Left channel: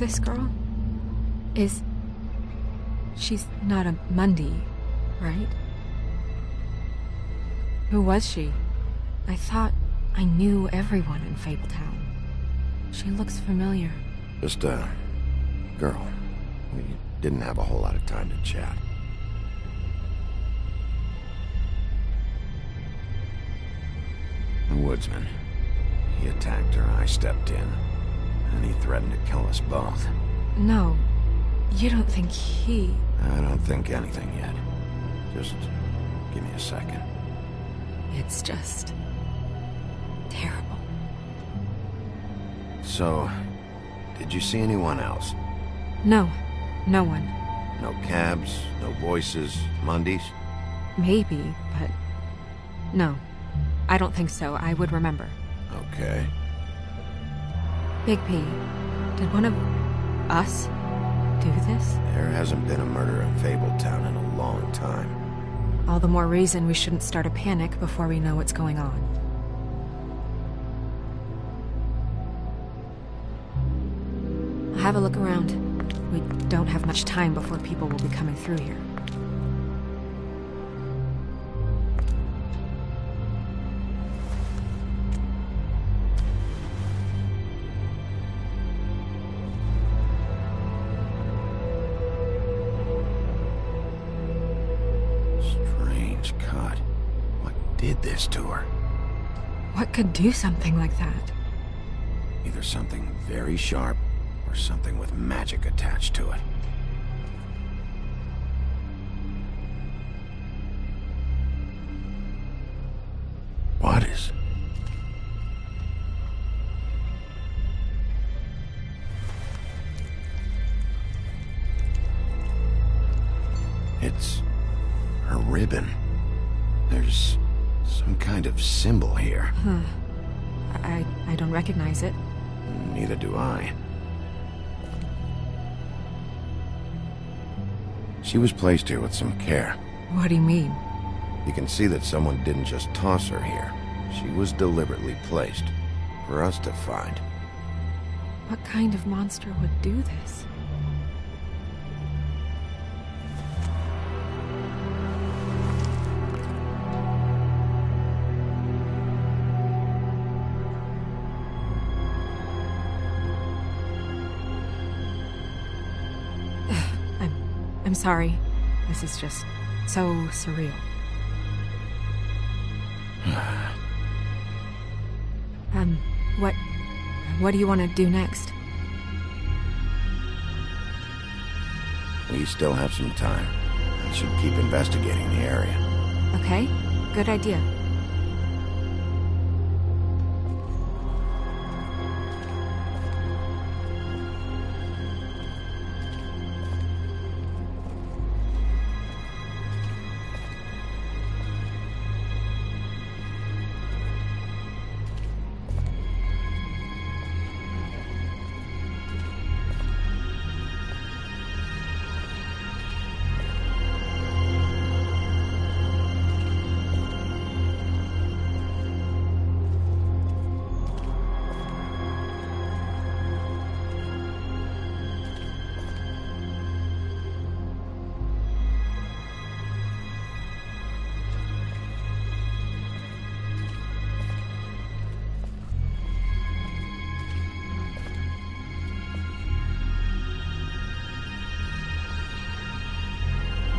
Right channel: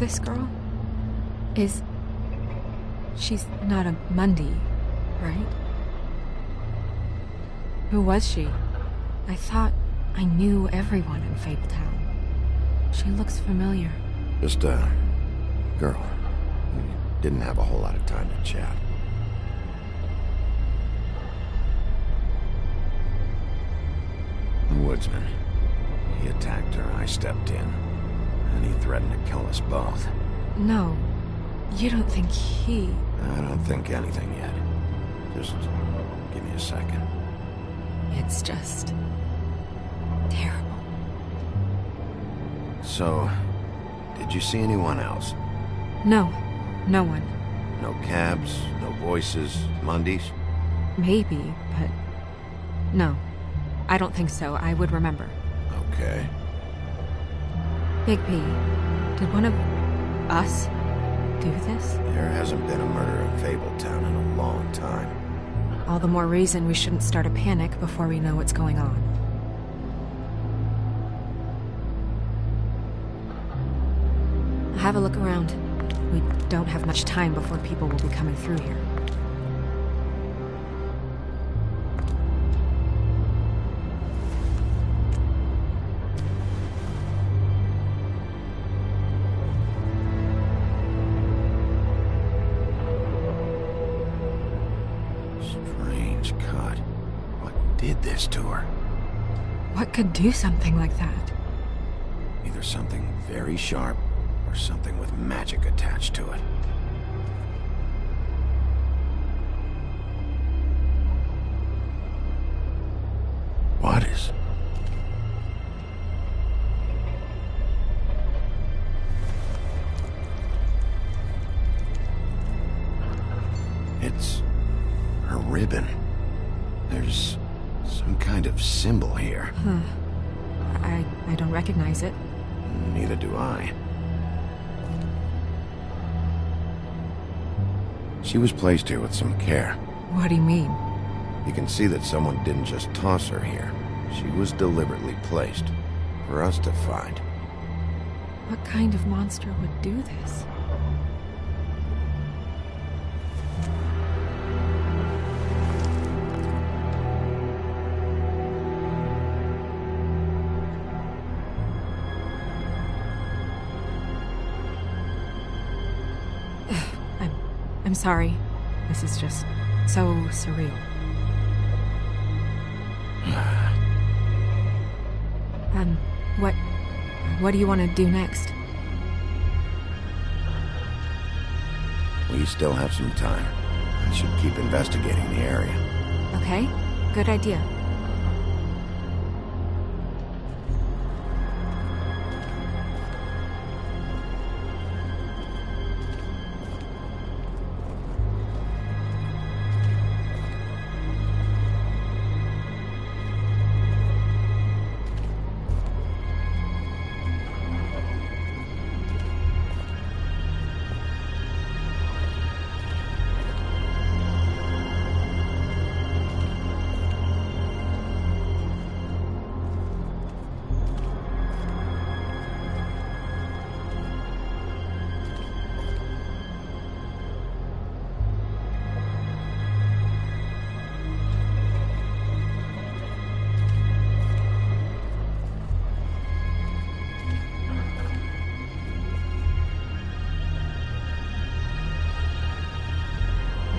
this girl? She's not a Mundy, right? Who was she? I thought I knew everyone in Fabletown. She looks familiar. Just a girl. We didn't have a whole lot of time to chat. The woodsman. He attacked her, I stepped in. And he threatened to kill us both. No. You don't think he... I don't think anything yet. Just give me a second. It's just... terrible. So, did you see anyone else? No. No one. No cabs, no voices, Mundys? Maybe, but... no. I don't think so. I would remember. Okay. Big P, did one of us do this? There hasn't been a murder in Fabletown in a long time. All the more reason we shouldn't start a panic before we know what's going on. I'll have a look around. We don't have much time before people will be coming through here. Strange cut. What did this to her? What could do something like that? Either something very sharp, or something with magic attached to it. What is... It's... her ribbon. There's some kind of symbol here. Huh. I don't recognize it. Neither do I. She was placed here with some care. What do you mean? You can see that someone didn't just toss her here. She was deliberately placed. For us to find. What kind of monster would do this? I'm sorry. This is just so surreal. What do you want to do next? We still have some time. I should keep investigating the area. Okay, good idea.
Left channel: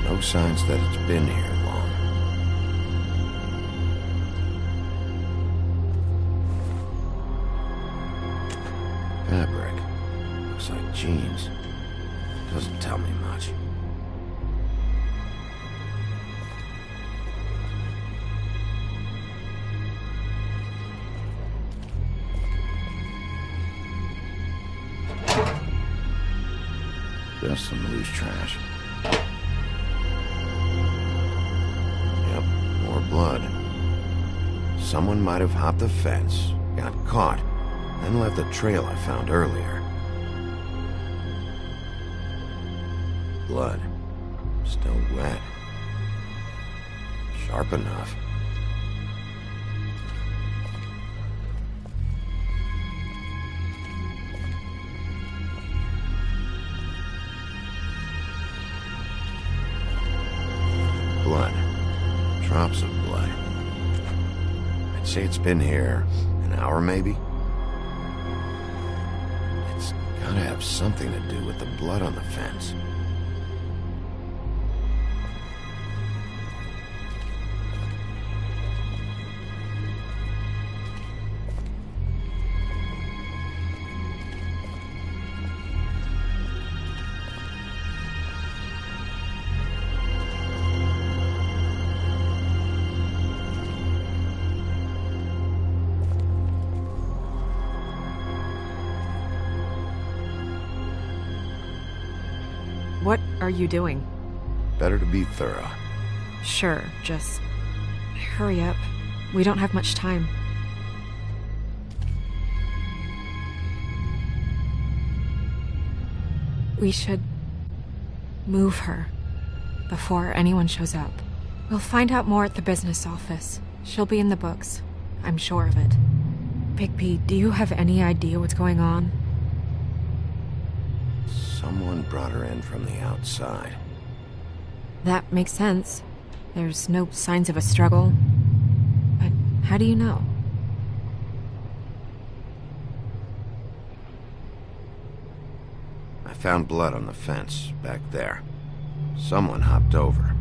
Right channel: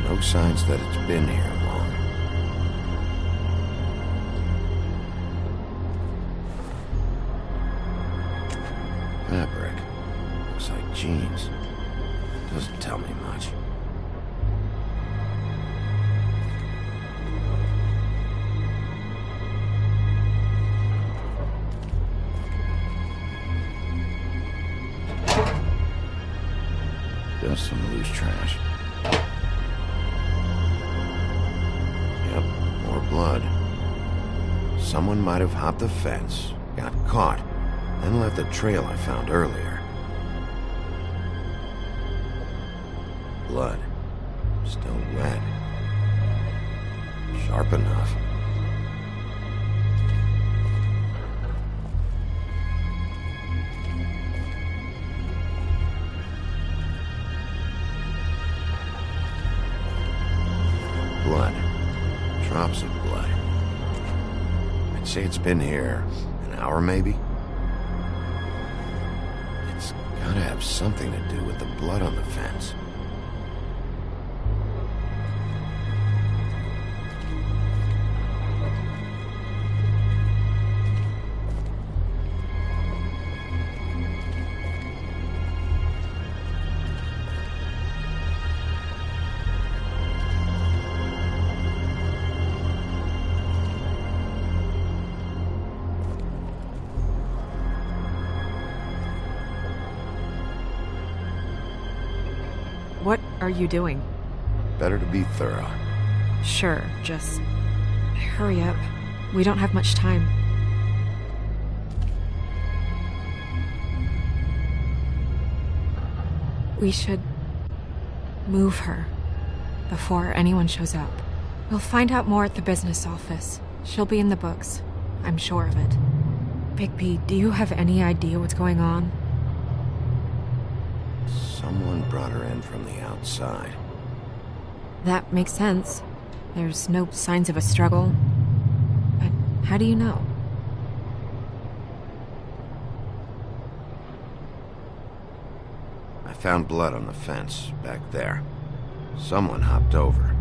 No signs that it's been here long. Fabric. Looks like jeans. Doesn't tell me much. Just some loose trash. Yep, more blood. Someone might have hopped the fence, got caught, then left the trail I found earlier. Blood. Still wet. Sharp enough. drops of blood. I'd say it's been here an hour, maybe? It's gotta have something to do with the blood on the fence. What are you doing? Better to be thorough. Sure, just hurry up. We don't have much time. We should move her before anyone shows up. We'll find out more at the business office. She'll be in the books. I'm sure of it. Bigby, do you have any idea what's going on? Someone brought her in from the outside. That makes sense. There's no signs of a struggle. But how do you know? I found blood on the fence, back there. Someone hopped over.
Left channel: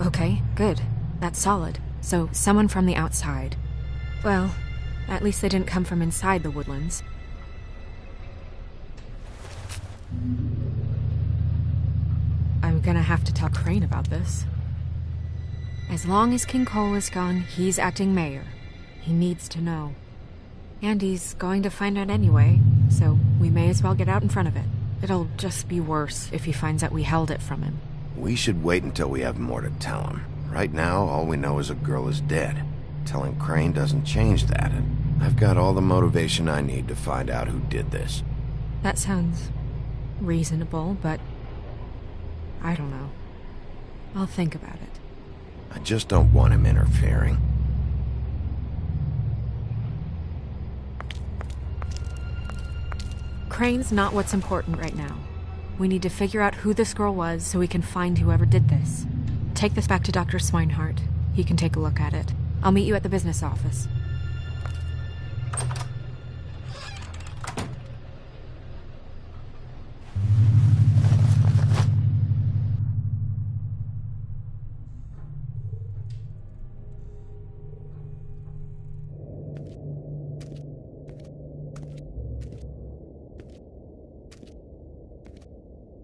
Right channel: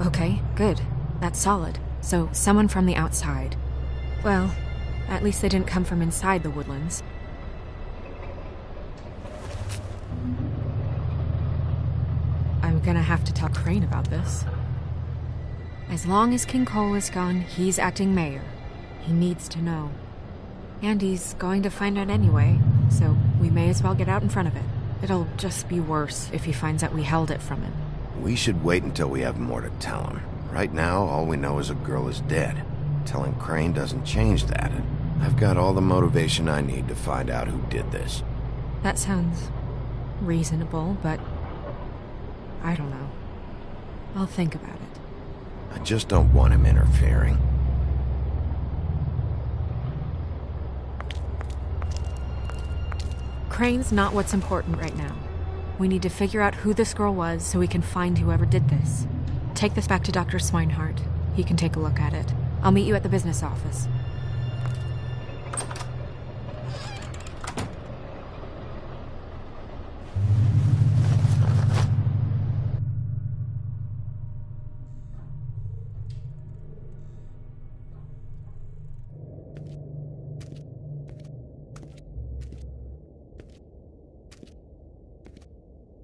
Okay, good. That's solid. So, someone from the outside. Well, at least they didn't come from inside the woodlands. I'm gonna have to talk Crane about this. As long as King Cole is gone, he's acting mayor. He needs to know. And he's going to find out anyway, so we may as well get out in front of it. It'll just be worse if he finds out we held it from him. We should wait until we have more to tell him. Right now, all we know is a girl is dead. Telling Crane doesn't change that, and I've got all the motivation I need to find out who did this. That sounds reasonable, but I don't know. I'll think about it. I just don't want him interfering. Crane's not what's important right now. We need to figure out who this girl was so we can find whoever did this. Take this back to Dr. Swinehart. He can take a look at it. I'll meet you at the business office.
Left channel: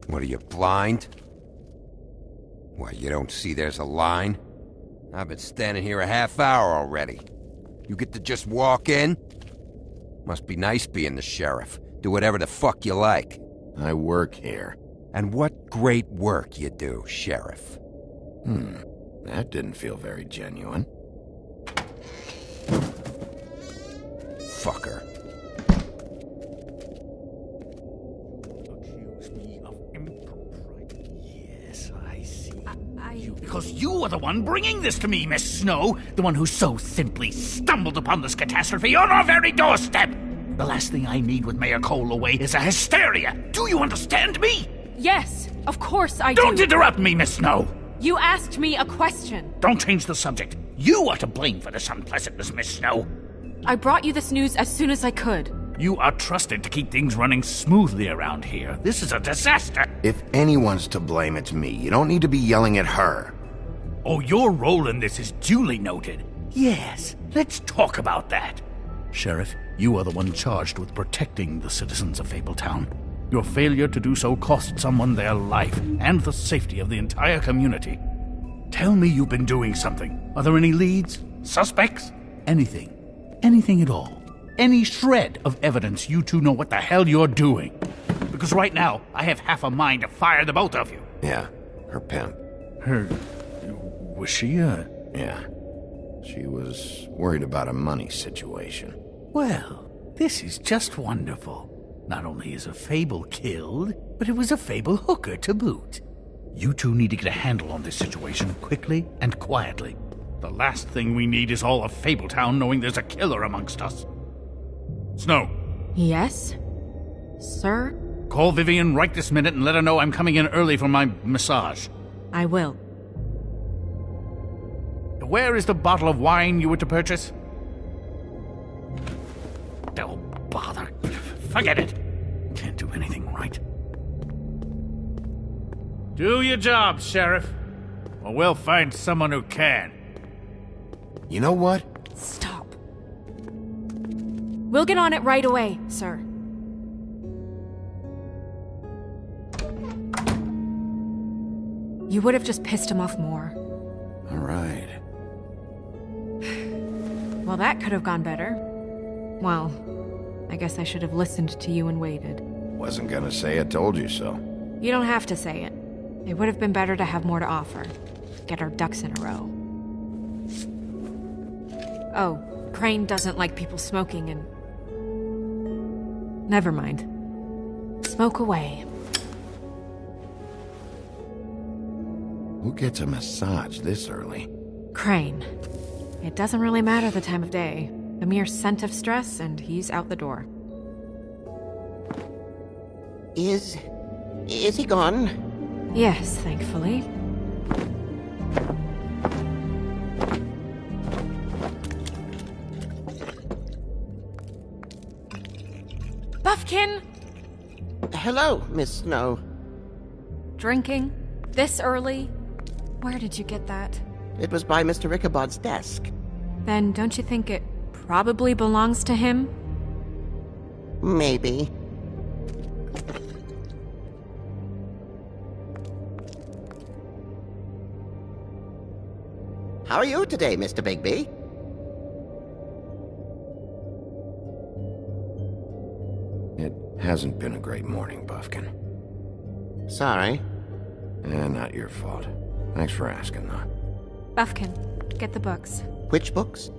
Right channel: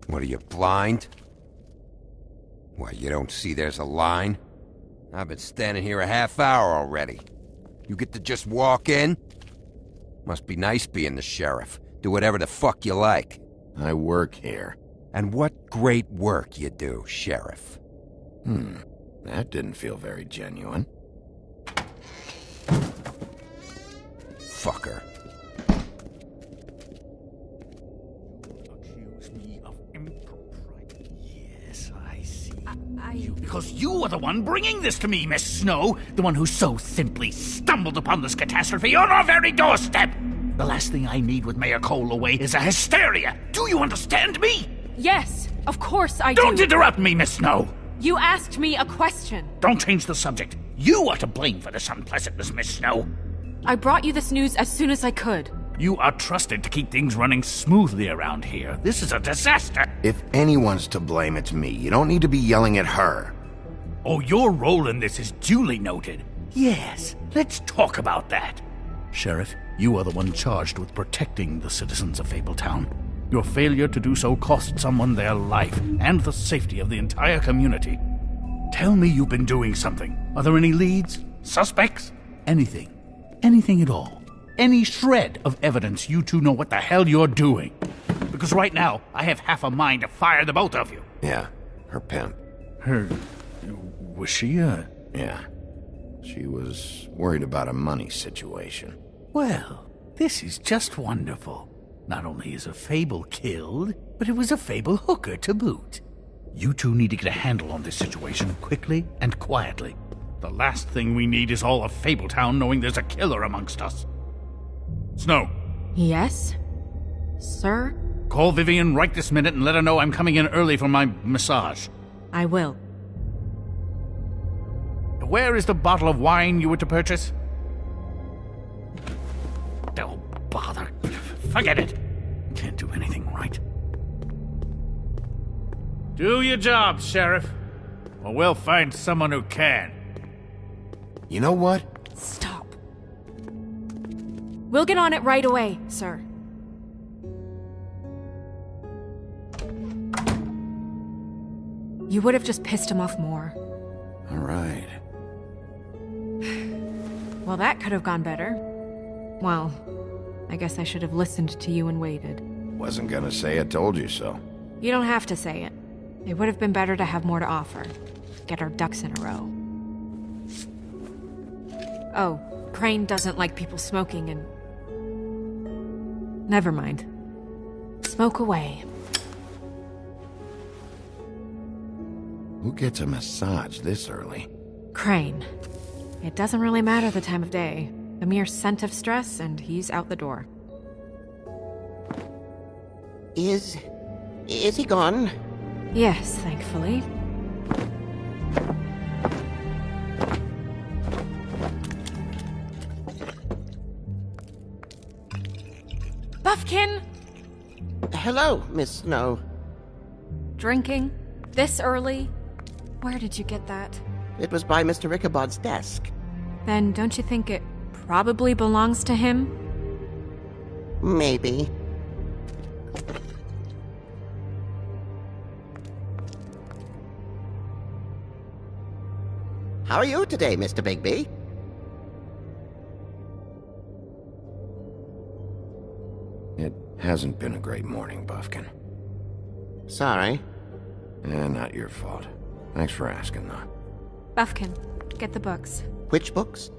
What are you, blind? What, you don't see there's a line? I've been standing here a half hour already. You get to just walk in? Must be nice being the sheriff. Do whatever the fuck you like. I work here. And what great work you do, Sheriff. That didn't feel very genuine. Fucker. Because you are the one bringing this to me, Miss Snow. The one who so simply stumbled upon this catastrophe on our very doorstep. The last thing I need with Mayor Cole away is a hysteria. Do you understand me? Yes, of course I do. Don't interrupt me, Miss Snow. You asked me a question. Don't change the subject. You are to blame for this unpleasantness, Miss Snow. I brought you this news as soon as I could. You are trusted to keep things running smoothly around here. This is a disaster. If anyone's to blame, it's me. You don't need to be yelling at her. Oh, your role in this is duly noted. Yes, let's talk about that. Sheriff, you are the one charged with protecting the citizens of Fabletown. Your failure to do so cost someone their life and the safety of the entire community. Tell me you've been doing something. Are there any leads? Suspects? Anything. Anything at all. Any shred of evidence you two know what the hell you're doing. Because right now, I have half a mind to fire the both of you. Yeah, her pimp. Her... was she Yeah. She was worried about a money situation. Well, this is just wonderful. Not only is a Fable killed, but it was a Fable hooker to boot. You two need to get a handle on this situation quickly and quietly. The last thing we need is all of Fabletown knowing there's a killer amongst us. Snow. Yes? Sir? Call Vivian right this minute and let her know I'm coming in early for my massage. I will. Where is the bottle of wine you were to purchase? Oh, bother. Forget it. Can't do anything right. Do your job, Sheriff. Or we'll find someone who can. You know what? Stop. We'll get on it right away, sir. You would have just pissed him off more. All right. Well, that could have gone better. Well, I guess I should have listened to you and waited. Wasn't gonna say I told you so. You don't have to say it. It would have been better to have more to offer. Get our ducks in a row. Oh, Crane doesn't like people smoking and... Never mind. Smoke away. Who gets a massage this early? Crane. It doesn't really matter the time of day. A mere scent of stress and he's out the door. Is he gone? Yes, thankfully. Buffkin! Hello, Miss Snow. Drinking? This early? Where did you get that? It was by Mr. Ichabod's desk. Then don't you think it probably belongs to him? Maybe. How are you today, Mr. Bigby? It hasn't been a great morning, Buffkin. Sorry. Not your fault. Thanks for asking, though. Buffkin, get the books. Which books?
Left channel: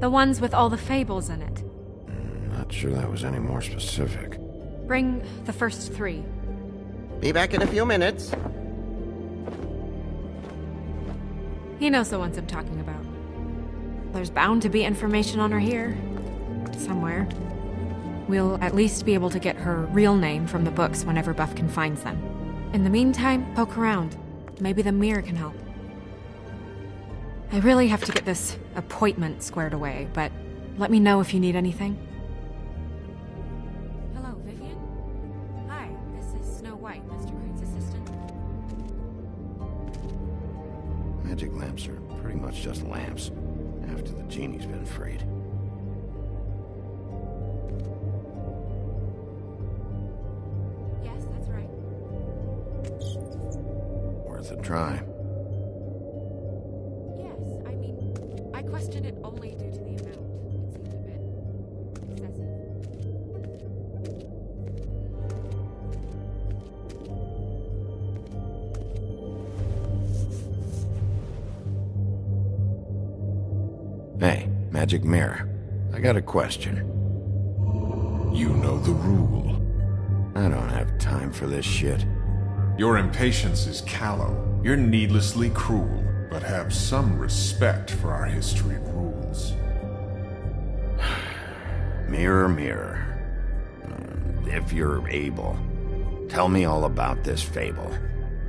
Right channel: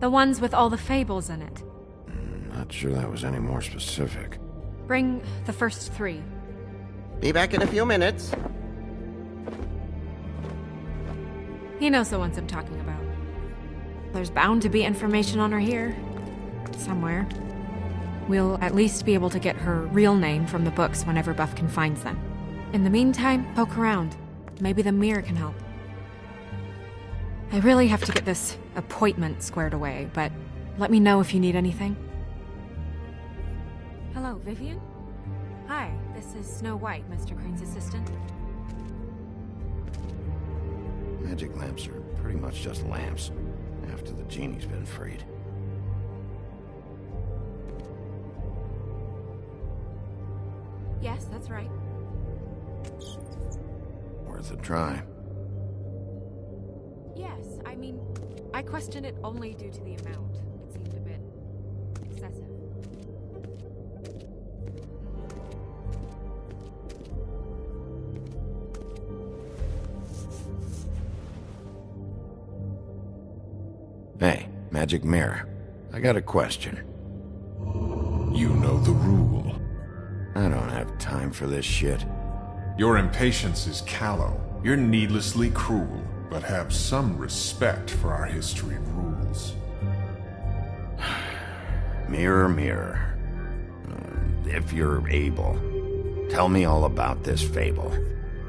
The ones with all the fables in it. Not sure that was any more specific. Bring the first 3. Be back in a few minutes. He knows the ones I'm talking about. There's bound to be information on her here. Somewhere. We'll at least be able to get her real name from the books whenever Buffkin finds them. In the meantime, poke around. Maybe the mirror can help. I really have to get this appointment squared away, but let me know if you need anything. Hello, Vivian? Hi, this is Snow White, Mr. Crane's assistant. Magic lamps are pretty much just lamps, after the genie's been freed. Yes, that's right. Worth a try. Yes, I mean, I question it only due to the amount. It seemed a bit excessive. Hey, Magic Mirror. I got a question. You know the rule. I don't have time for this shit. Your impatience is callow. You're needlessly cruel, but have some respect for our history and rules. Mirror, mirror. If you're able, tell me all about this fable.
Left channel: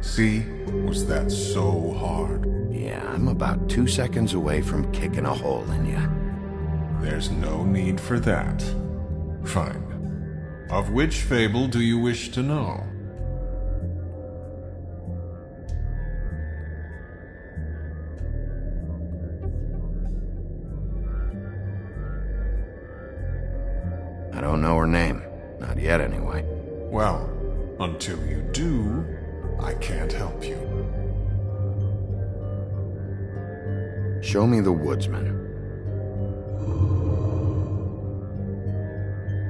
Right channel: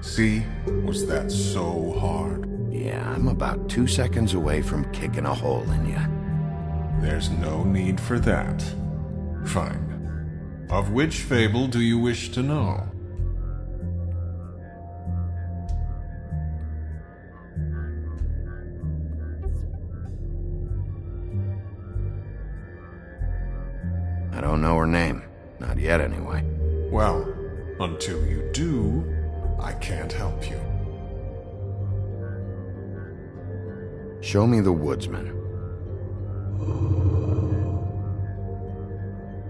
See? Was that so hard? Yeah, I'm about 2 seconds away from kicking a hole in you. There's no need for that. Fine. Of which fable do you wish to know? I don't know her name. Not yet, anyway. Well, until you do, I can't help you. Show me the woodsman.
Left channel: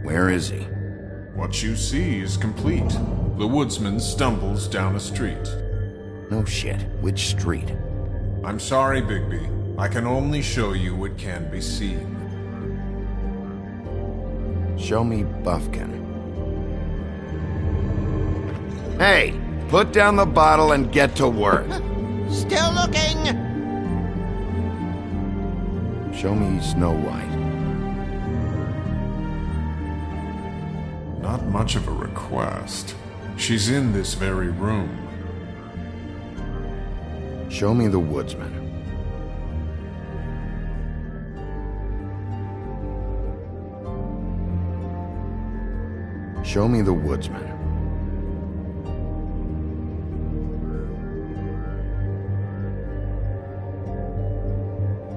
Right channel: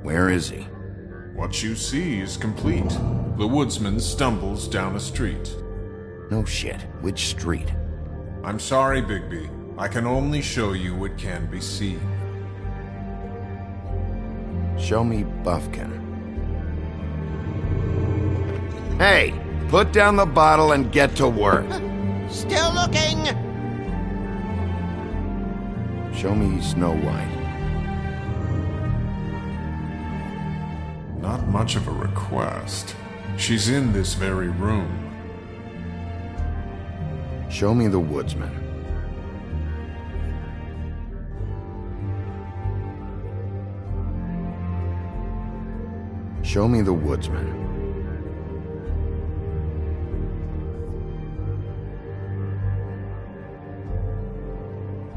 Where is he? What you see is complete. The woodsman stumbles down a street. No shit. Which street? I'm sorry, Bigby. I can only show you what can be seen. Show me Buffkin. Hey! Put down the bottle and get to work. Still looking! Show me Snow White. Not much of a request. She's in this very room. Show me the woodsman. Show me the woodsman.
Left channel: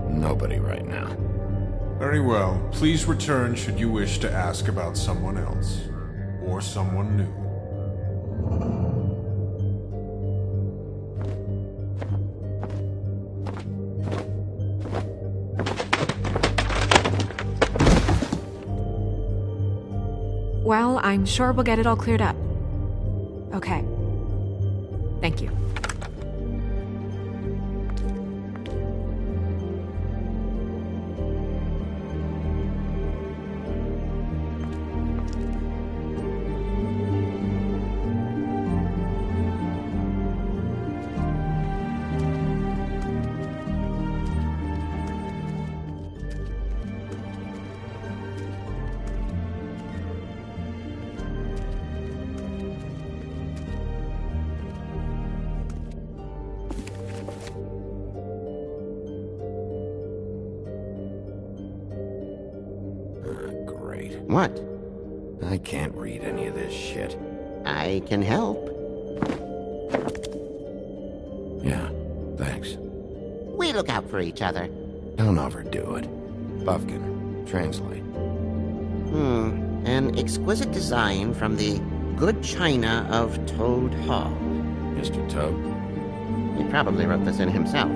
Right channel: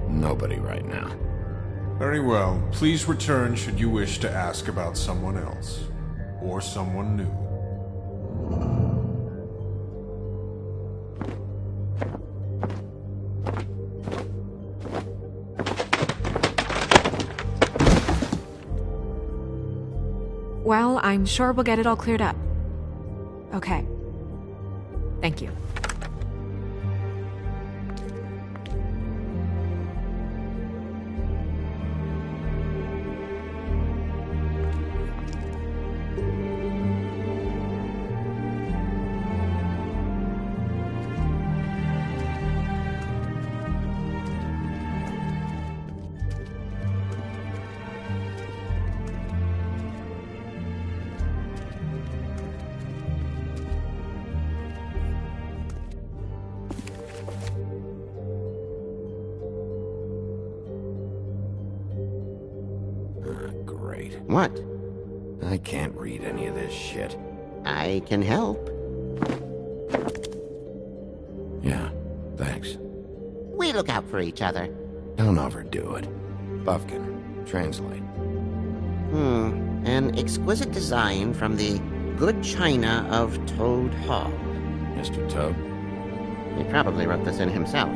Nobody right now. Very well. Please return should you wish to ask about someone else. Or someone new. Well, I'm sure we'll get it all cleared up. Okay. Thank you. Great. What? I can't read any of this shit. I can help. Yeah, thanks. We look out for each other. Don't overdo it. Buffkin, translate. An exquisite design from the good china of Toad Hall. Mr. Toad? He probably wrote this in himself.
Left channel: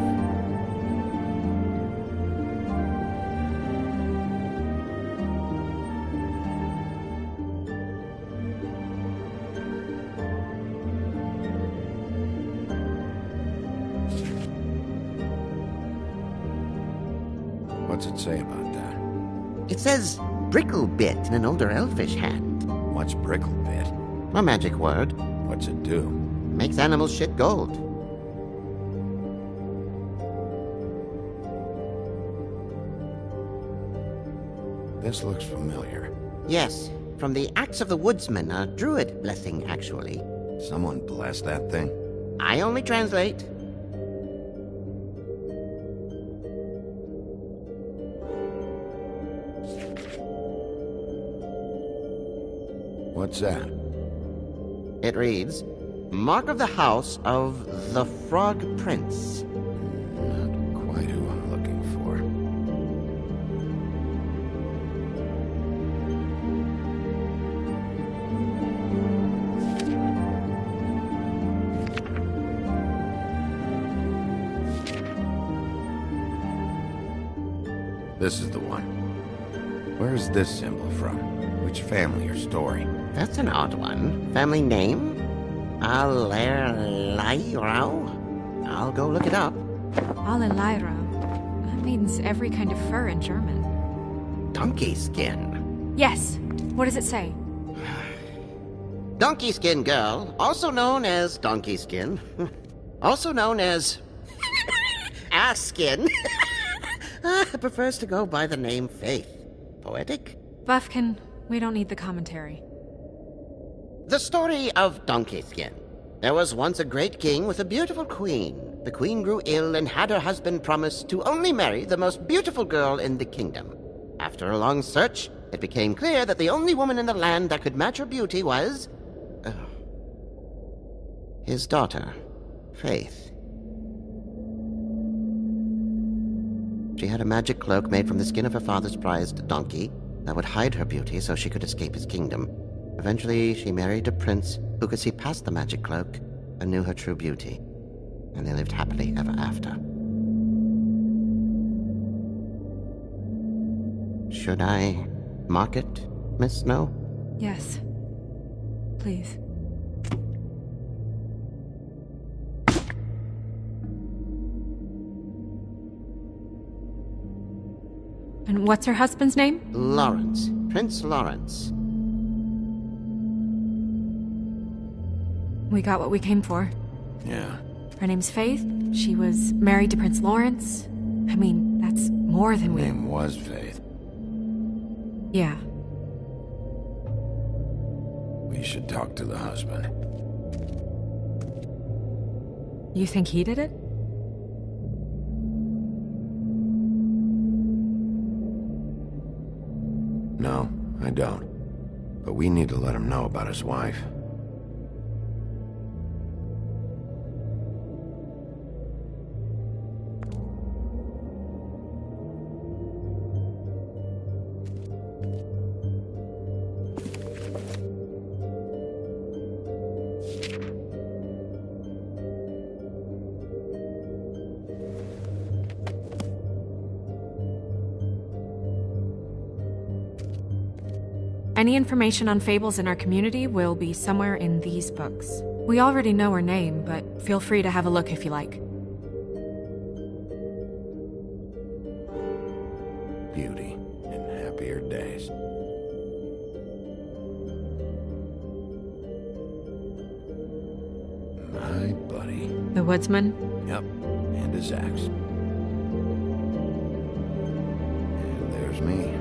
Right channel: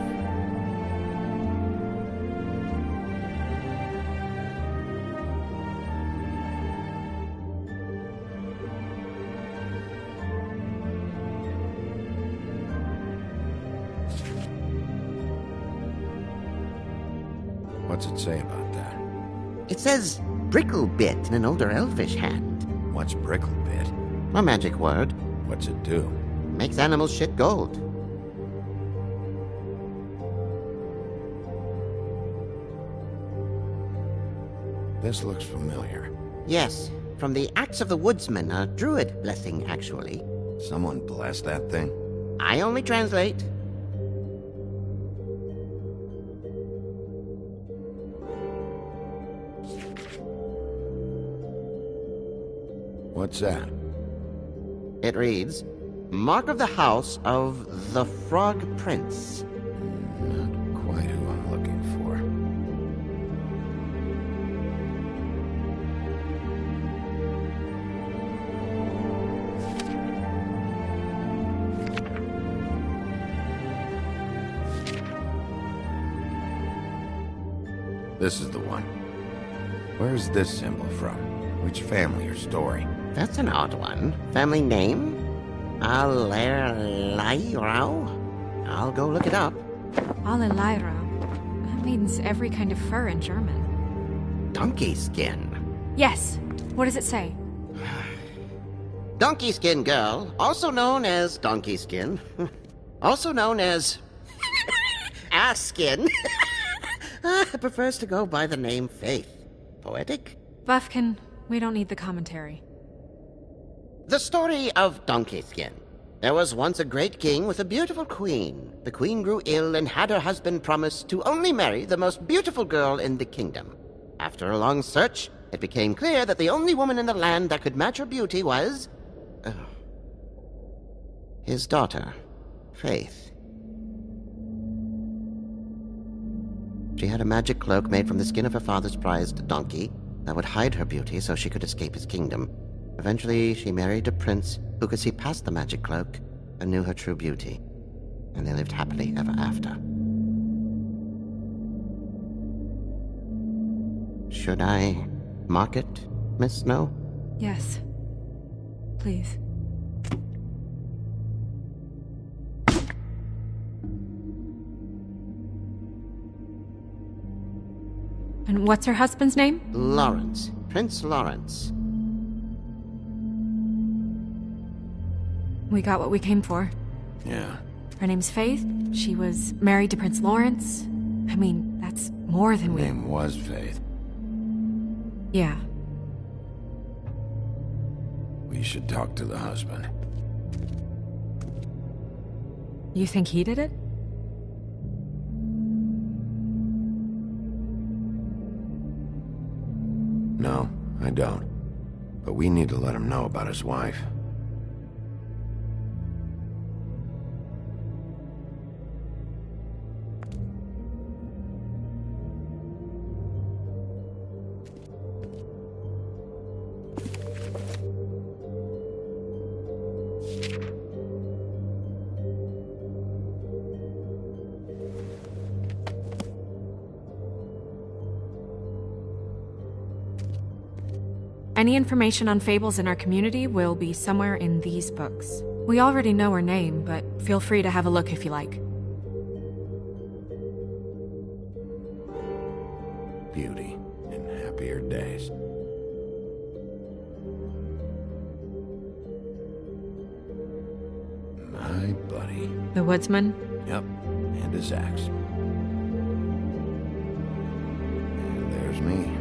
What's it say about that? It says Bricklebit in an older elfish hand. What's Bricklebit? A magic word. What's it do? Makes animals shit gold. This looks familiar. Yes, from the Axe of the Woodsman, a druid blessing, actually. Someone bless that thing? I only translate. What's that? It reads, Mark of the House of the Frog Prince. Not quite who I'm looking for. This is the one. Where's this symbol from? Which family or story? That's an odd one. Family name? Alerleirau? I'll go look it up. Alelaira. That means every kind of fur in German. Donkey skin. Yes. What does it say? Donkey skin girl, also known as donkey skin. Also known as ass skin. Prefers to go by the name Faith. Poetic? Buffkin, we don't need the commentary. The story of Donkey Skin. There was once a great king with a beautiful queen. The queen grew ill and had her husband promise to only marry the most beautiful girl in the kingdom. After a long search, it became clear that the only woman in the land that could match her beauty was... his daughter, Faith. She had a magic cloak made from the skin of her father's prized donkey that would hide her beauty so she could escape his kingdom. Eventually, she married a prince who could see past the magic cloak and knew her true beauty. And they lived happily ever after. Should I mark it, Miss Snow? Yes. Please. And what's her husband's name? Lawrence. Prince Lawrence. We got what we came for. Yeah. Her name's Faith. She was married to Prince Lawrence. I mean, that's more than Her we... name was Faith. Yeah. We should talk to the husband. You think he did it? No, I don't. But we need to let him know about his wife. Any information on fables in our community will be somewhere in these books. We already know her name, but feel free to have a look if you like. Beauty in happier days. My buddy. The woodsman? Yep, and his axe. And there's me.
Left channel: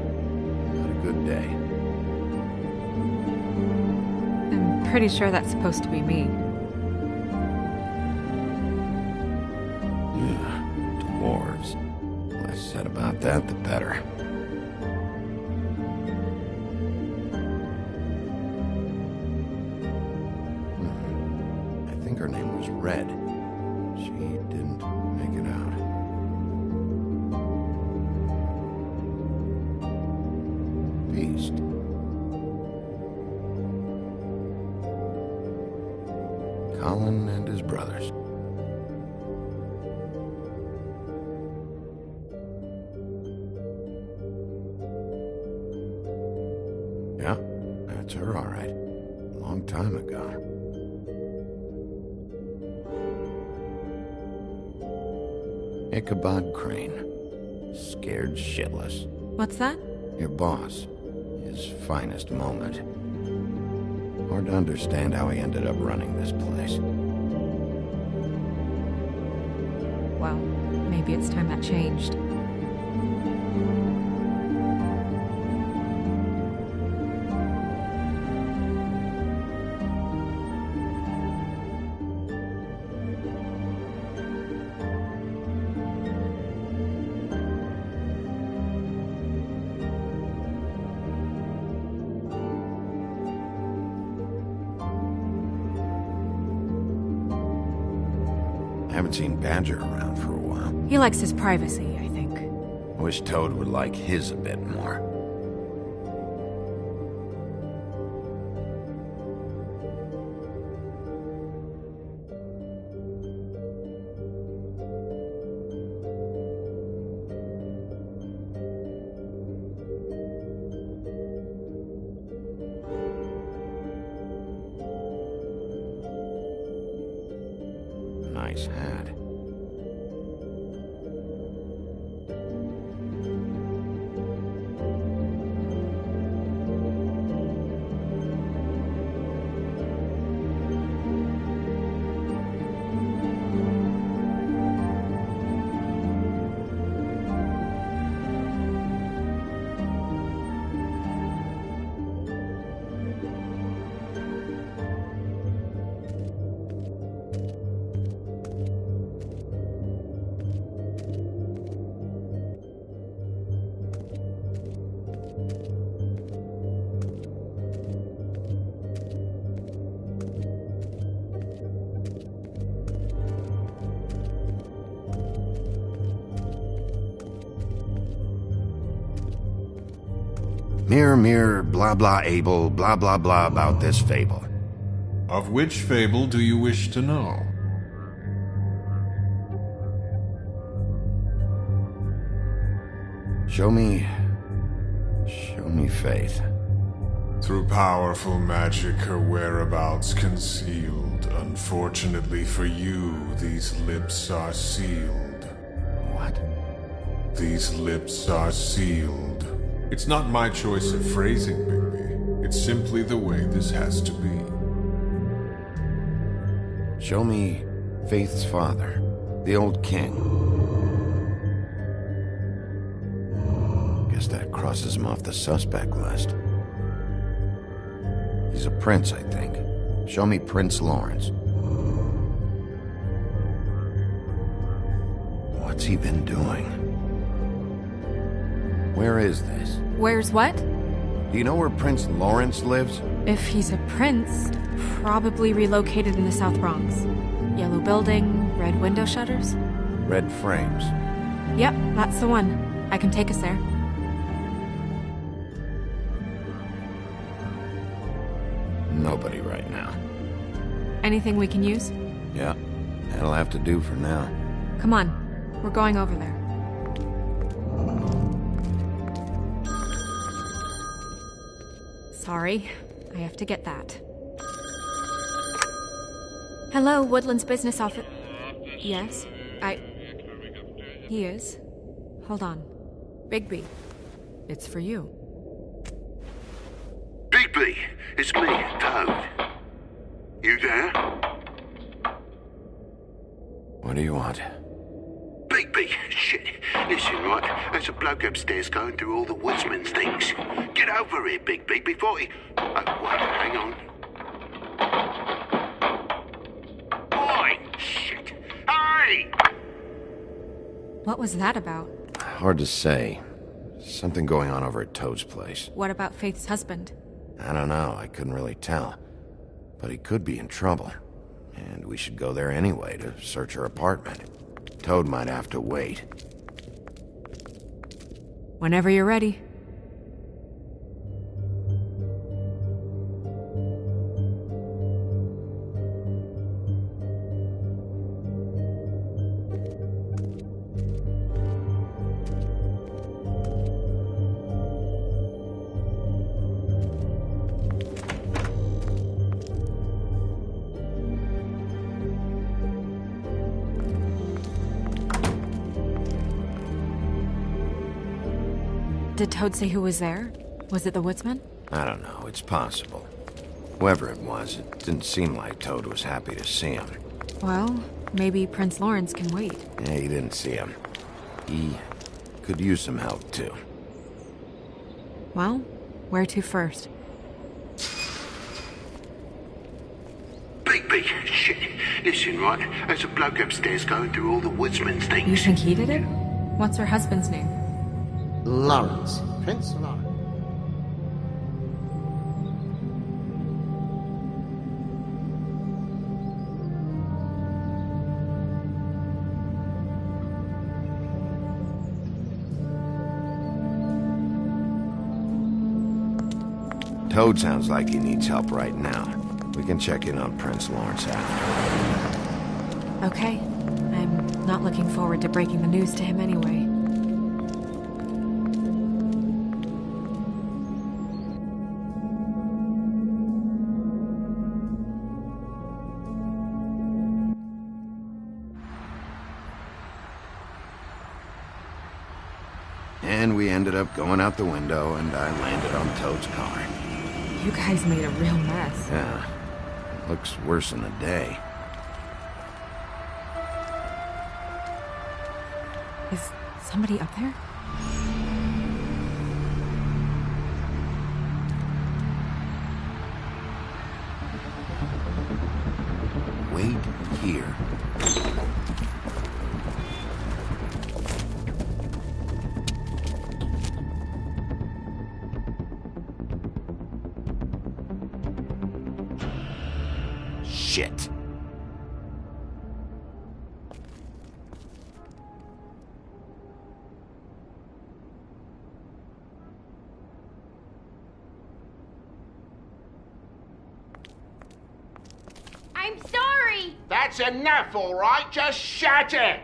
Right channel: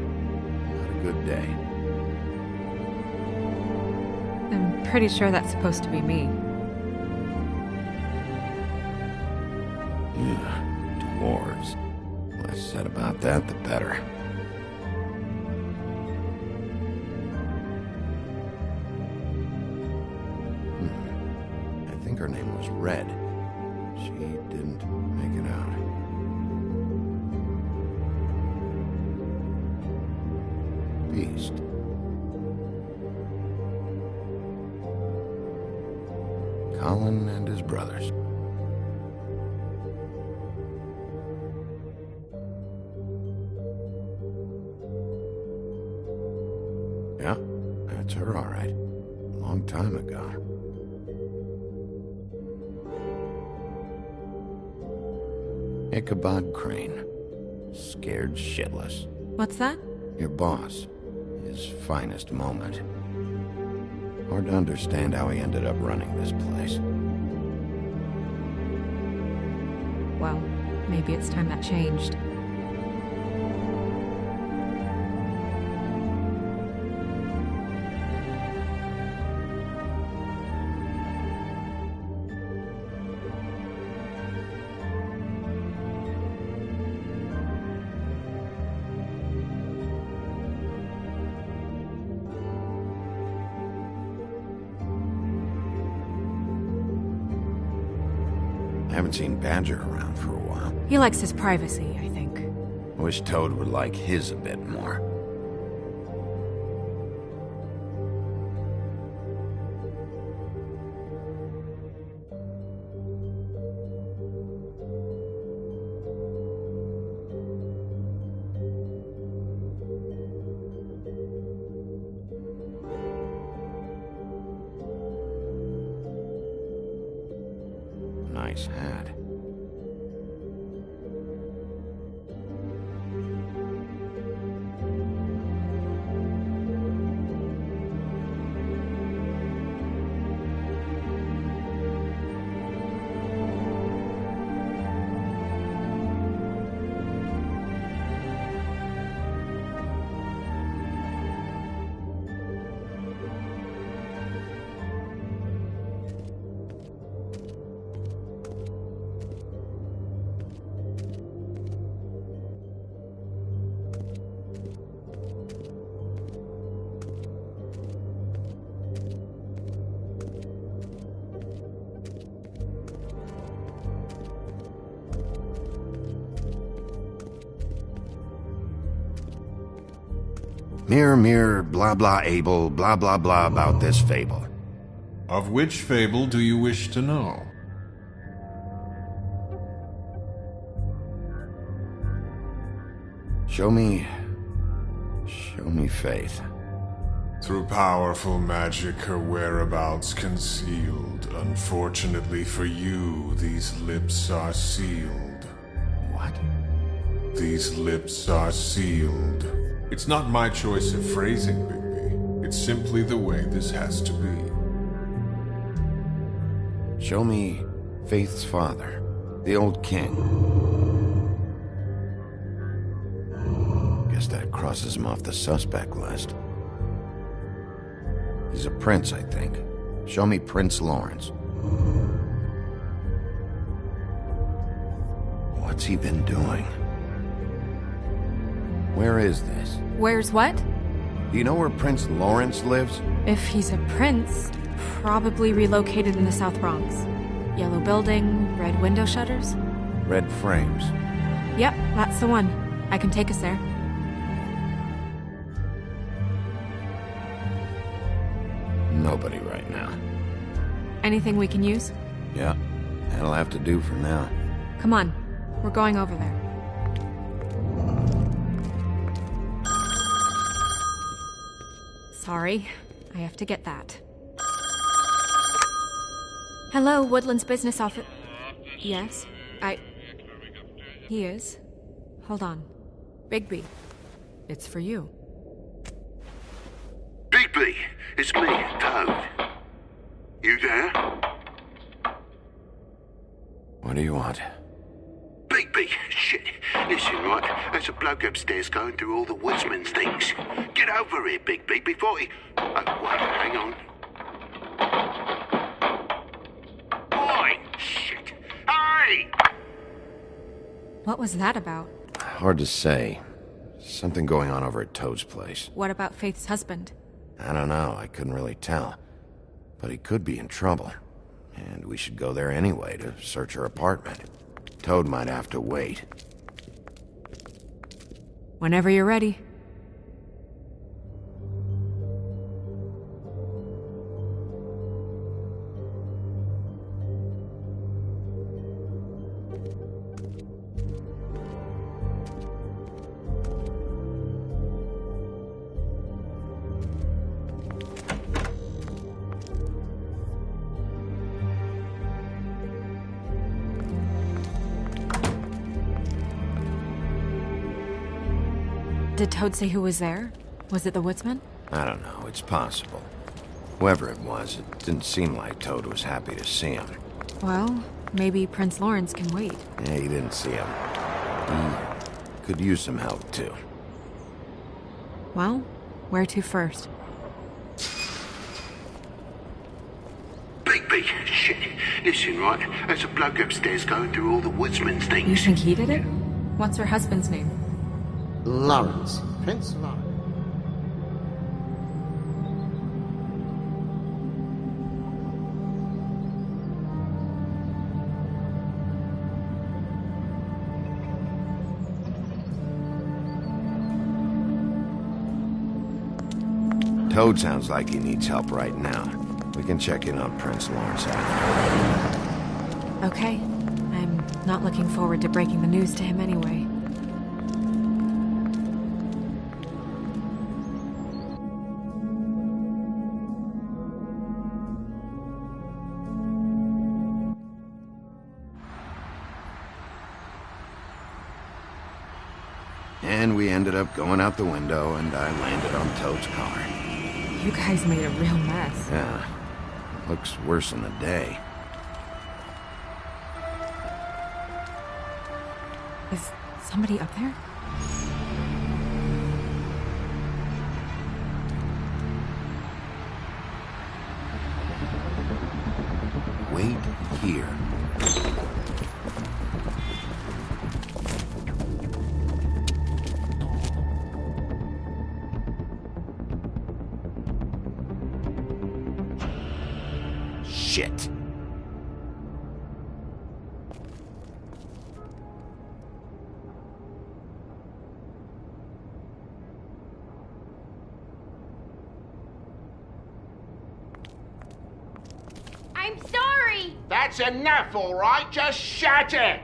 Not a good day. I'm pretty sure that's supposed to be me. Yeah, dwarves. Less said about that, the better. I think her name was Red. She didn't make it out. Beast. Colin and his brothers. Yeah, that's her, all right. A long time ago. Ichabod Crane. Scared shitless. What's that? Your boss. His finest moment. Hard to understand how he ended up running this place. Well, maybe it's time that changed. I haven't seen Badger around for a while. He likes his privacy, I think. I wish Toad would like his a bit more. Nice hat. Mirror, mirror, blah blah able, blah blah blah about this fable. Of which fable do you wish to know? Show me faith. Through powerful magic, her whereabouts concealed. Unfortunately for you, these lips are sealed. What? These lips are sealed. It's not my choice of phrasing, Bigby. It's simply the way this has to be. Show me Faith's father, the old king. Guess that crosses him off the suspect list. He's a prince, I think. Show me Prince Lawrence. What's he been doing? Where is this? Where's what? Do you know where Prince Lawrence lives? If he's a prince, probably relocated in the South Bronx. Yellow building, red window shutters? Red frames. Yep, that's the one. I can take us there. Nobody right now. Anything we can use? Yeah, that'll have to do for now. Come on, we're going over there. Sorry, I have to get that. Hello, Woodland's business office. Yes, He is. Hold on. Bigby, it's for you. Bigby, it's me, Toad. You there? What do you want? Bigby, shit. Listen, right, there's a bloke upstairs going through all the woodsman's things. Get over here, Bigby, before he... Oh, wait, hang on. Oi, shit. Hey! What was that about? Hard to say. Something going on over at Toad's place. What about Faith's husband? I don't know, I couldn't really tell. But he could be in trouble. And we should go there anyway to search her apartment. Toad might have to wait. Whenever you're ready. Did Toad say who was there? Was it the woodsman? I don't know, it's possible. Whoever it was, it didn't seem like Toad was happy to see him. Well, maybe Prince Lawrence can wait. Yeah, he didn't see him. He could use some help, too. Well, where to first? Bigby, shit. Listen, right, there's a bloke upstairs going through all the woodsman's things. You think he did it? What's her husband's name? Lawrence. Prince Lawrence. Toad sounds like he needs help right now. We can check in on Prince Lawrence after. Okay. I'm not looking forward to breaking the news to him anyway. And we ended up going out the window, and I landed on Toad's car. You guys made a real mess. Yeah, looks worse in the day. Is somebody up there? Wait here. Shit. I'm sorry! That's enough, all right? Just shut it!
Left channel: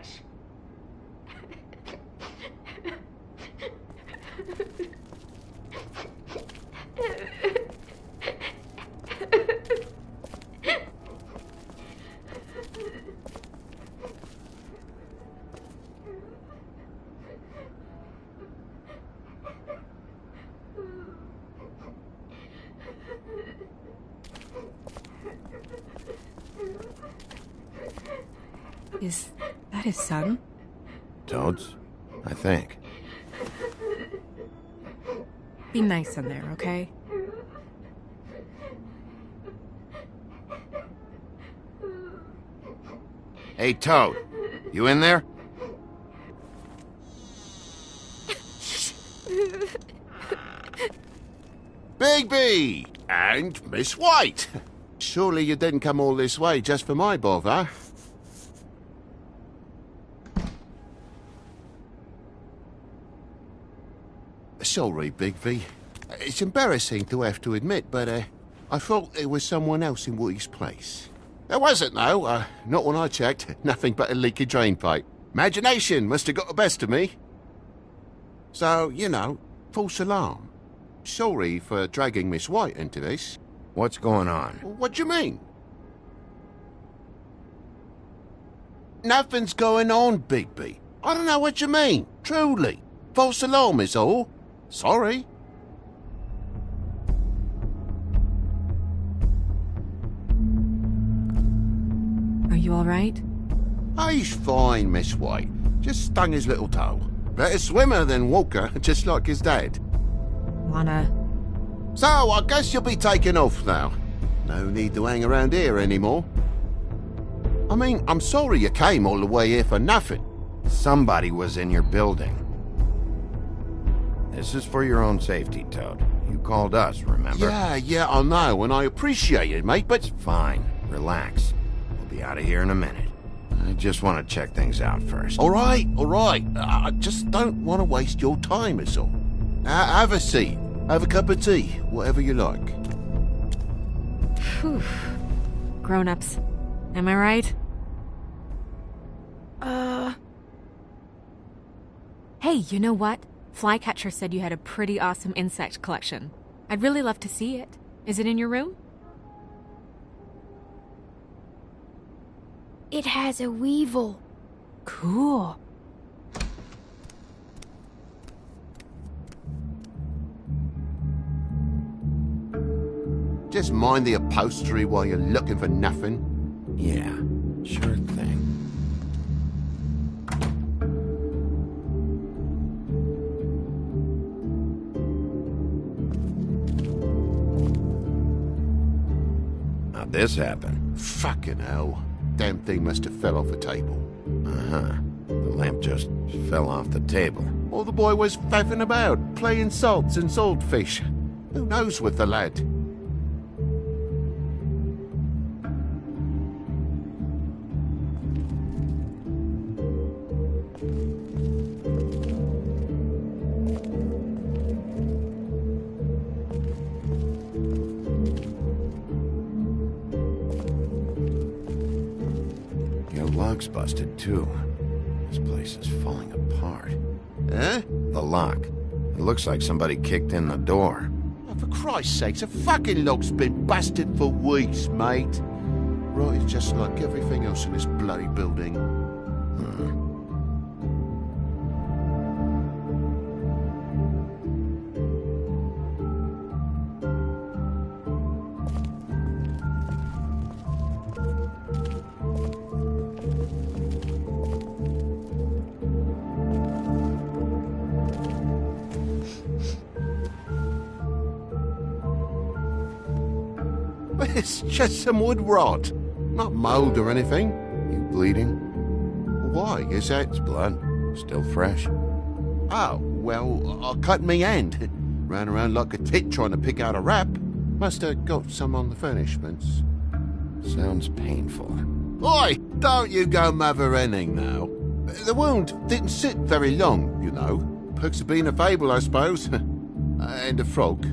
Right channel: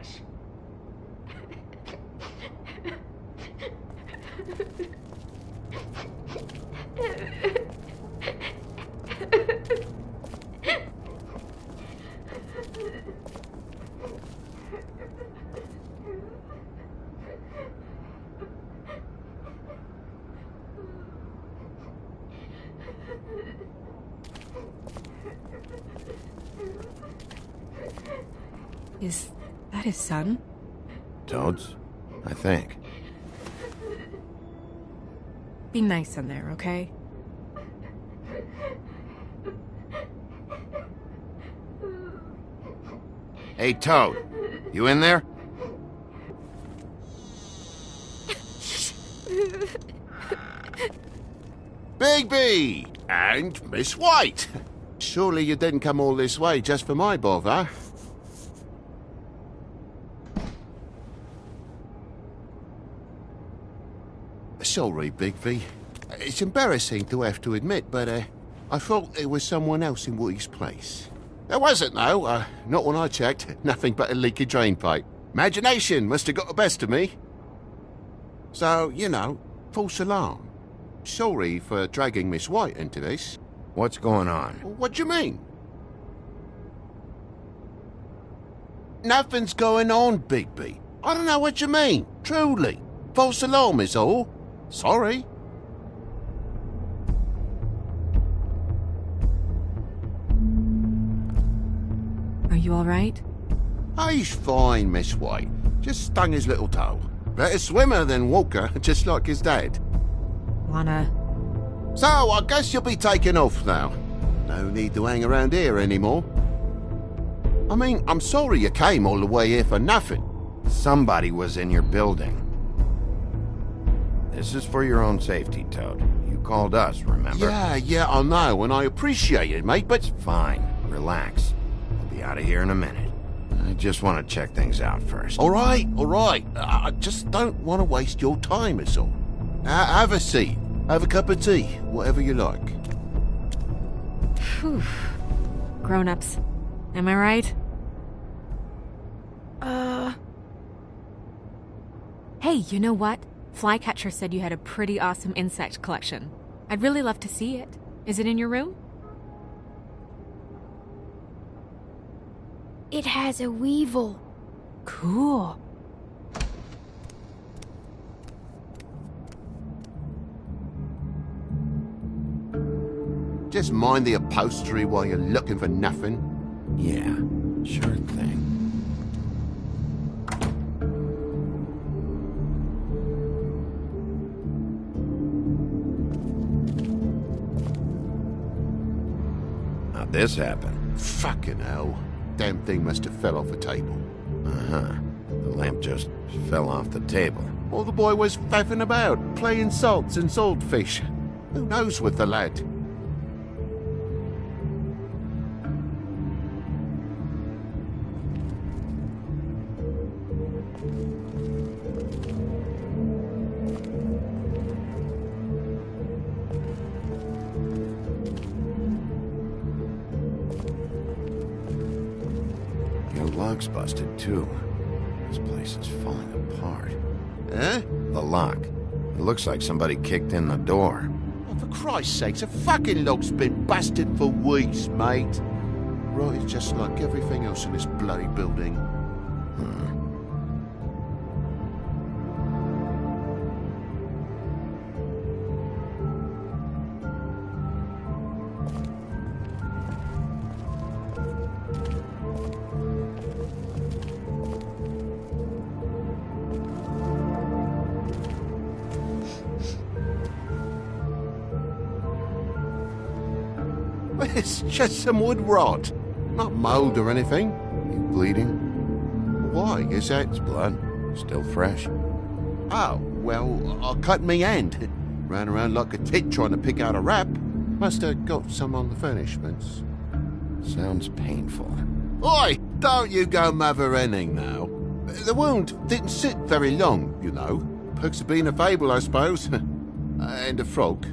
Is that his son? Toad's? I think. Be nice in there, okay? Hey, Toad. You in there? Bigby! And Miss White! Surely you didn't come all this way just for my bother? Sorry, Bigby. It's embarrassing to have to admit, but I thought there was someone else in Woody's place. There wasn't, though. Not when I checked. Nothing but a leaky drain pipe. Imagination must have got the best of me. So, you know, false alarm. Sorry for dragging Miss White into this. What's going on? What do you mean? Nothing's going on, Bigby. I don't know what you mean. Truly. False alarm is all. Sorry. Are you all right? He's fine, Miss White. Just stung his little toe. Better swimmer than walker, just like his dad. Lana... So, I guess you'll be taking off now. No need to hang around here anymore. I mean, I'm sorry you came all the way here for nothing. Somebody was in your building. This is for your own safety, Toad. You called us, remember? Yeah, I know, and I appreciate it, mate, but... Fine. Relax. We'll be out of here in a minute. I just want to check things out first. All right. I just don't want to waste your time, is all. Have a seat. Have a cup of tea. Whatever you like. Phew. Grown-ups. Am I right? Hey, you know what? Flycatcher said you had a pretty awesome insect collection. I'd really love to see it. Is it in your room? It has a weevil. Cool. Just mind the upholstery while you're looking for nothing. Yeah, sure thing. How'd this happen? Fucking hell. Damn thing must have fell off the table. Uh-huh. The lamp just fell off the table. Or the boy was faffing about, playing salts and saltfish. Who knows with the lad? Your lock's busted, too. This place is falling apart. Eh? The lock. It looks like somebody kicked in the door. Oh, for Christ's sakes, a fucking lock's been busted for weeks, mate. Right, it's just like everything else in this bloody building. It's just some wood rot. Not mold or anything. You bleeding? Why? Is that... It's blood. Still fresh. Oh, well, I cut me hand. Ran around like a tit trying to pick out a wrap. Must have got some on the furnishments. Sounds painful. Oi! Don't you go mother-henning now. The wound didn't sit very long, you know. Perks of being a fable, I suppose. And a frog.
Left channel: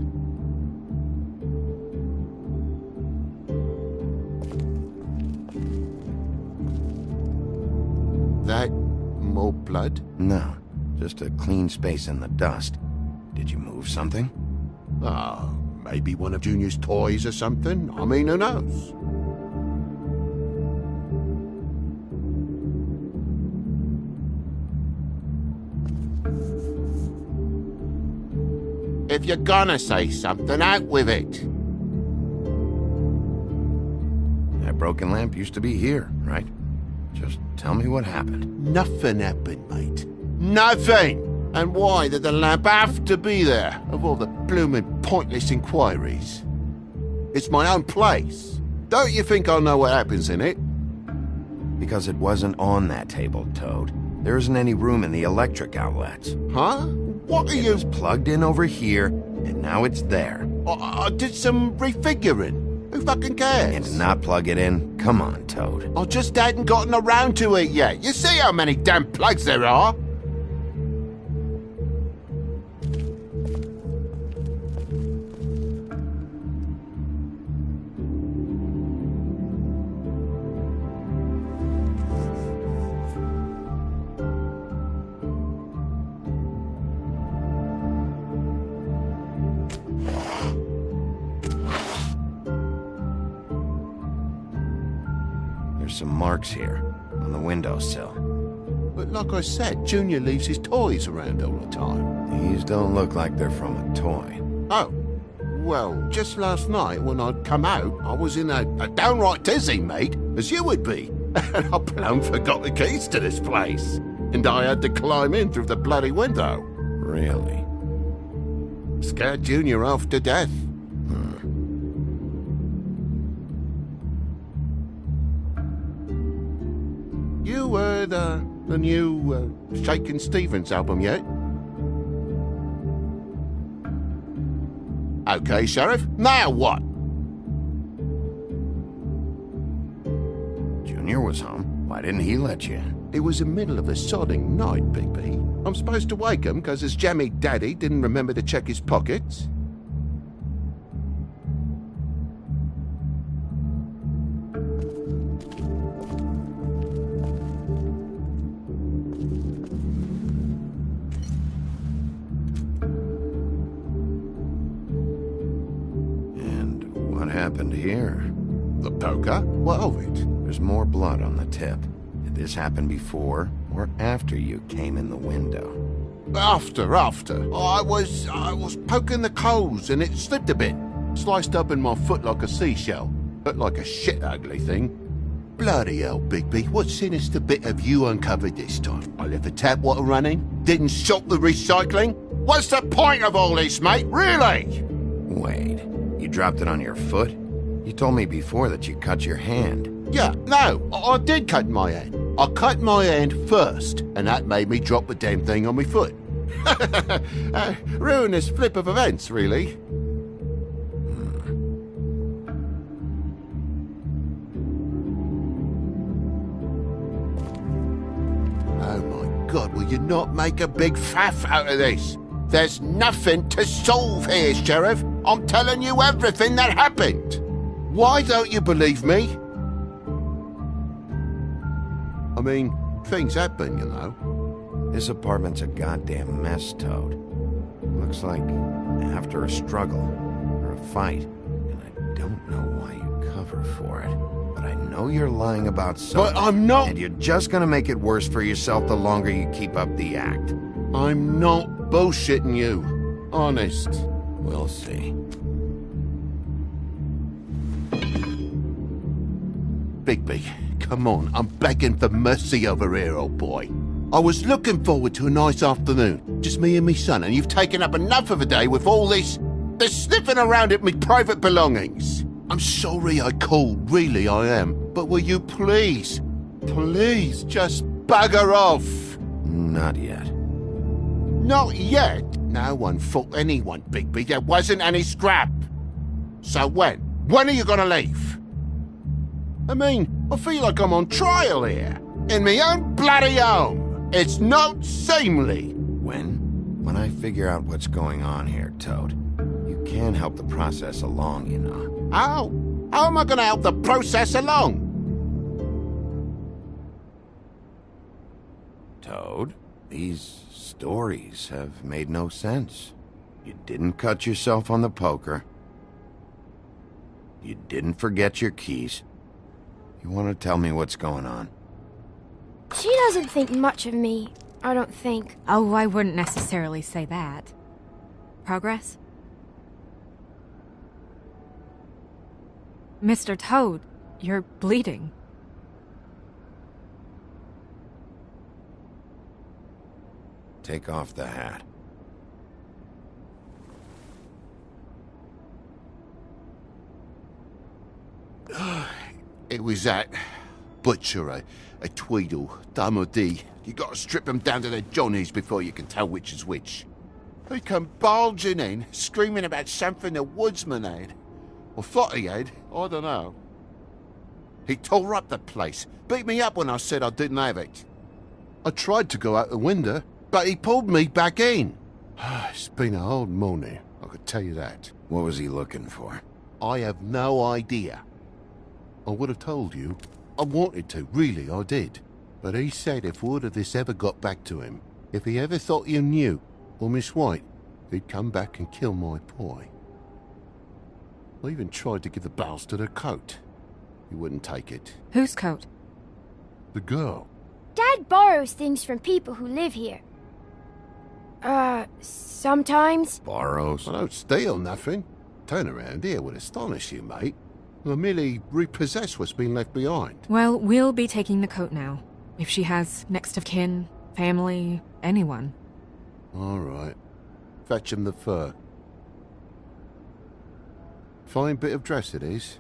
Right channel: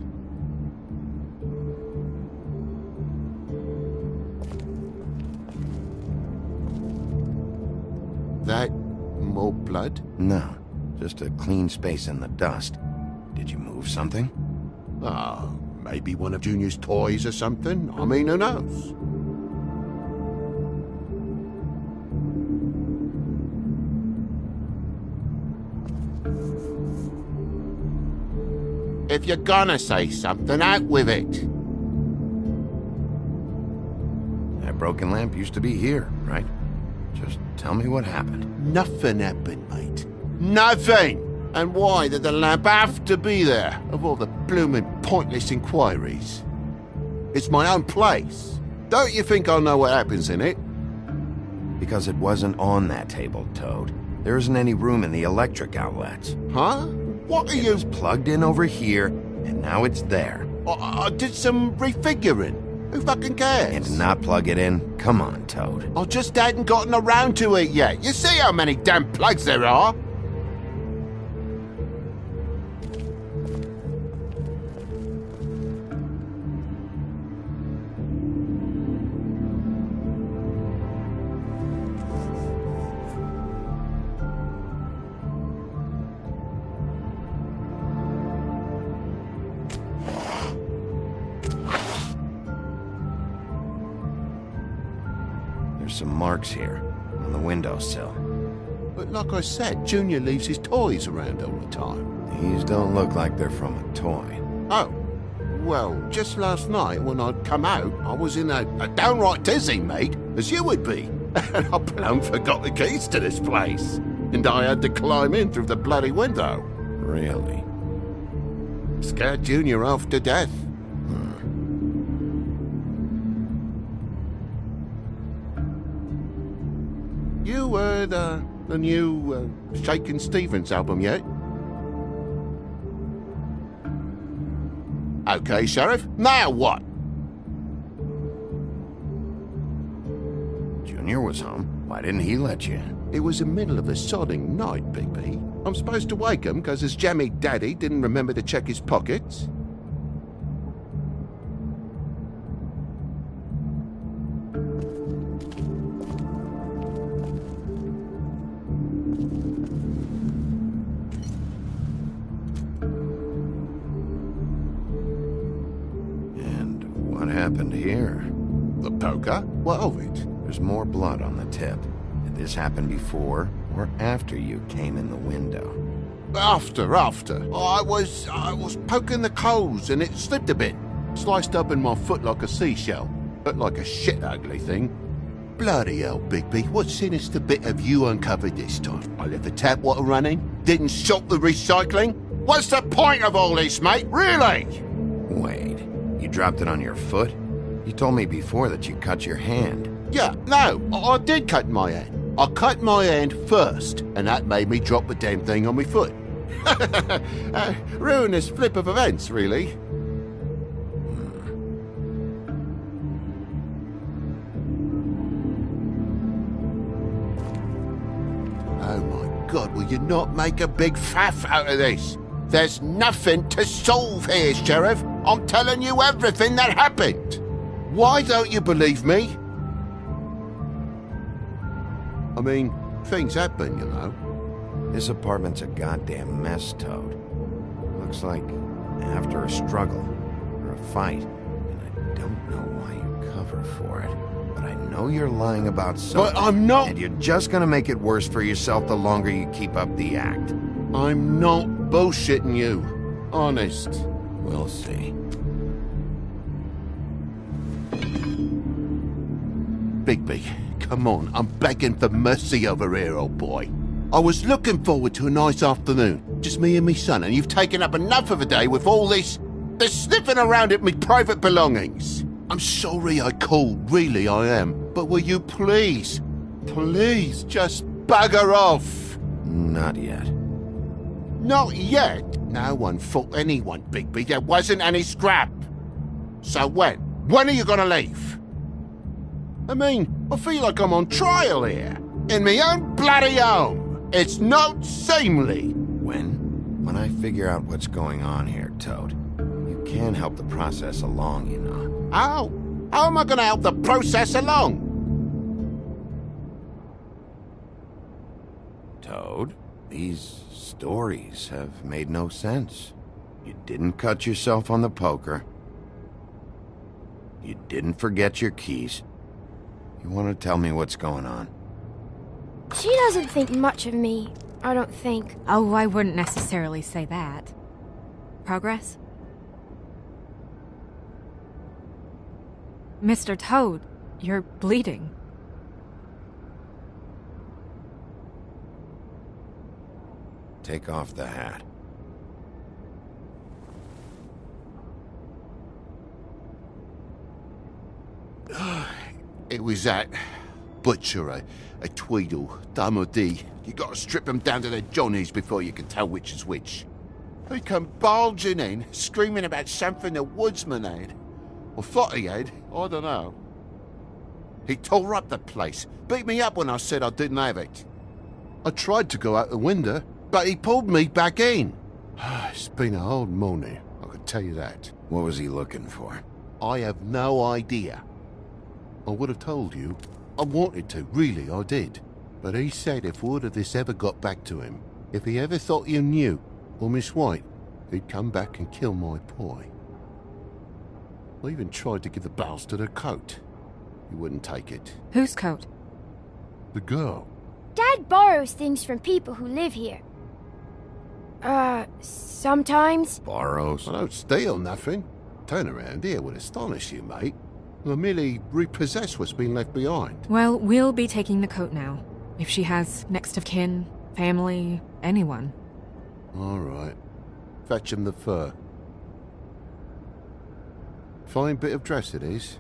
That more blood? No, just a clean space in the dust. Did you move something? Oh, maybe one of Junior's toys or something. I mean, who knows? If you're gonna say something, out with it. That broken lamp used to be here, right? Just tell me what happened. Nothing happened, mate. Nothing! And why did the lamp have to be there, of all the blooming pointless inquiries? It's my own place. Don't you think I'll know what happens in it? Because it wasn't on that table, Toad. There isn't any room in the electric outlets. Huh? What are It you... was plugged in over here, and now it's there. I did some refiguring. Who fucking cares? And to not plug it in? Come on, Toad. I just hadn't gotten around to it yet. You see how many damn plugs there are? There's some marks here, on the windowsill. But like I said, Junior leaves his toys around all the time. These don't look like they're from a toy. Oh, well, just last night when I'd come out, I was in a downright dizzy, mate, as you would be. And I plumb forgot the keys to this place. And I had to climb in through the bloody window. Really? Scared Junior half to death. You heard the new Shakin' Stevens album yet? Okay, Sheriff. Now what? Junior was home. Why didn't he let you in? It was the middle of a sodding night, Bigby. I'm supposed to wake him because his jammy daddy didn't remember to check his pockets. What happened here? The poker? What of it? There's more blood on the tip. Did this happen before or after you came in the window? After. I was poking the coals and it slipped a bit. Sliced up in my foot like a seashell. Looked like a shit ugly thing. Bloody hell, Bigby, what sinister bit have you uncovered this time? I left the tap water running, didn't stop the recycling? What's the point of all this, mate, really? Wait. You dropped it on your foot? You told me before that you cut your hand. Yeah, no, I did cut my hand. I cut my hand first, and that made me drop the damn thing on my foot. Ruinous flip of events, really. Oh my God, will you not make a big faff out of this? There's nothing to solve here, Sheriff. I'm telling you everything that happened. Why don't you believe me? I mean, things happen, you know. This apartment's a goddamn mess, Toad. Looks like after a struggle or a fight, and I don't know why you cover for it. But I know you're lying about something. But I'm not. And you're just gonna make it worse for yourself the longer you keep up the act. I'm not bullshitting you. Honest. We'll see. Bigby, come on. I'm begging for mercy over here, old boy. I was looking forward to a nice afternoon. Just me and me son, and you've taken up enough of a day with all this sniffing around at me private belongings. I'm sorry I called, really I am. But will you please just bugger off? Not yet. Not yet? No one fought anyone, Bigby. There wasn't any scrap. So when? When are you gonna leave? I mean, I feel like I'm on trial here. In my own bloody home. It's not seemly. When I figure out what's going on here, Toad, you can help the process along, you know. How? How am I gonna help the process along? Toad, these stories have made no sense. You didn't cut yourself on the poker. You didn't forget your keys. You want to tell me what's going on? She doesn't think much of me, I don't think. Oh, I wouldn't necessarily say that. Progress? Mr. Toad, you're bleeding. Take off the hat. It was that butcher, a Tweedle, Dumb or D. You gotta strip them down to their johnnies before you can tell which is which. He come bulging in, screaming about something the woodsman had. Or thought he had, I don't know. He tore up the place, beat me up when I said I didn't have it. I tried to go out the window, but he pulled me back in. It's been a hard morning, I could tell you that. What was he looking for? I have no idea. I would have told you. I wanted to, really, I did. But he said if word of this ever got back to him, if he ever thought you knew, or Miss White, he'd come back and kill my boy. I even tried to give the bastard a coat. He wouldn't take it. Whose coat? The girl. Dad borrows things from people who live here. Sometimes. Borrows? I don't steal nothing. Turn around here would astonish you, mate. I merely repossess what's been left behind. Well, we'll be taking the coat now. If she has next of kin, family, anyone. All right. Fetch him the fur. Fine bit of dress it is.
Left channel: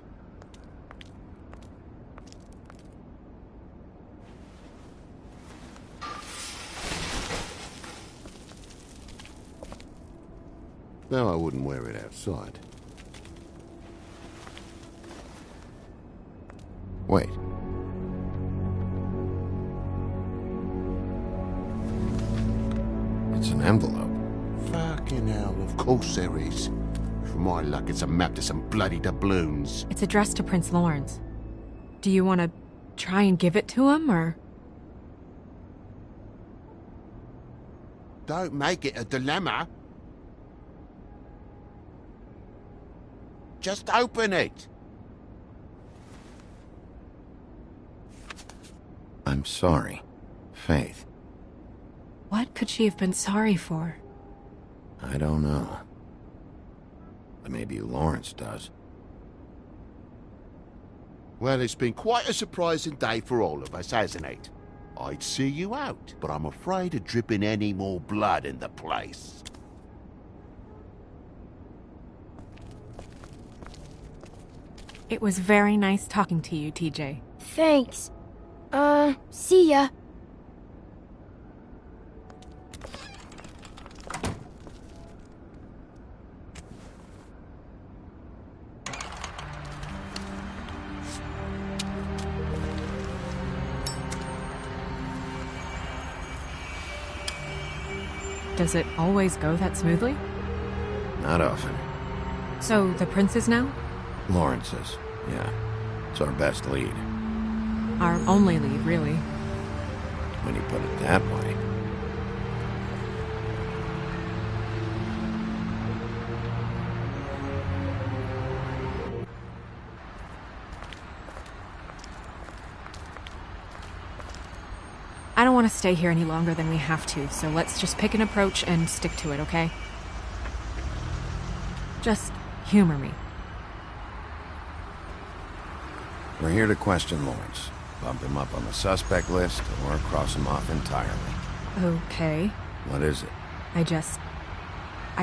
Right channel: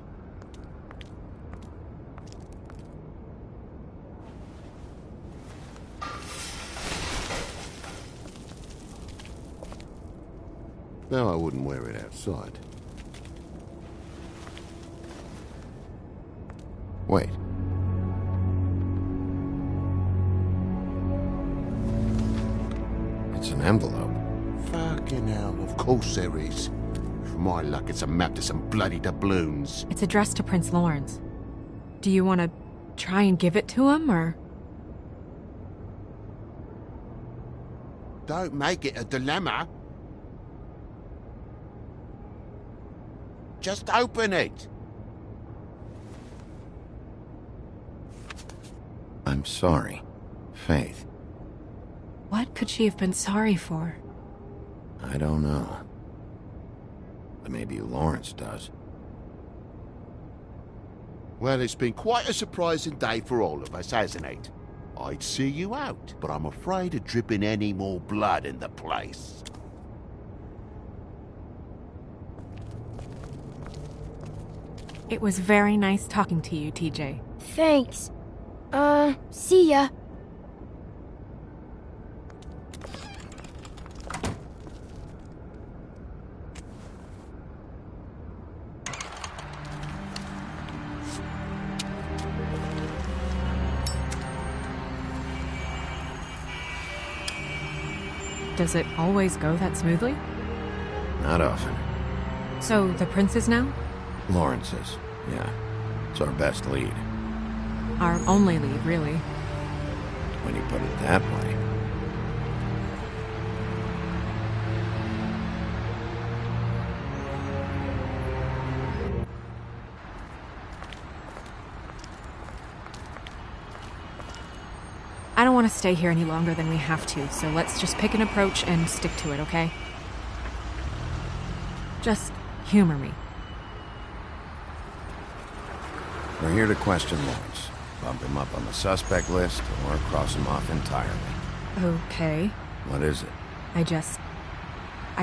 No, I wouldn't wear it outside. Wait. It's an envelope. Fucking hell, of course there is. For my luck, it's a map to some bloody doubloons. It's addressed to Prince Lawrence. Do you want to try and give it to him, or...? Don't make it a dilemma. Just open it. I'm sorry, Faith. What could she have been sorry for? I don't know. But maybe Lawrence does. Well, it's been quite a surprising day for all of us, hasn't it? I'd see you out, but I'm afraid of dripping any more blood in the place. It was very nice talking to you, TJ. Thanks. See ya. Does it always go that smoothly? Not often. So, the prince's now? Lawrence's, yeah. It's our best lead. Our only lead, really. When you put it that way. I don't want to stay here any longer than we have to, so let's just pick an approach and stick to it, okay? Just humor me. We're here to question Lawrence. Bump him up on the suspect list, or cross him off entirely. Okay. What is it? I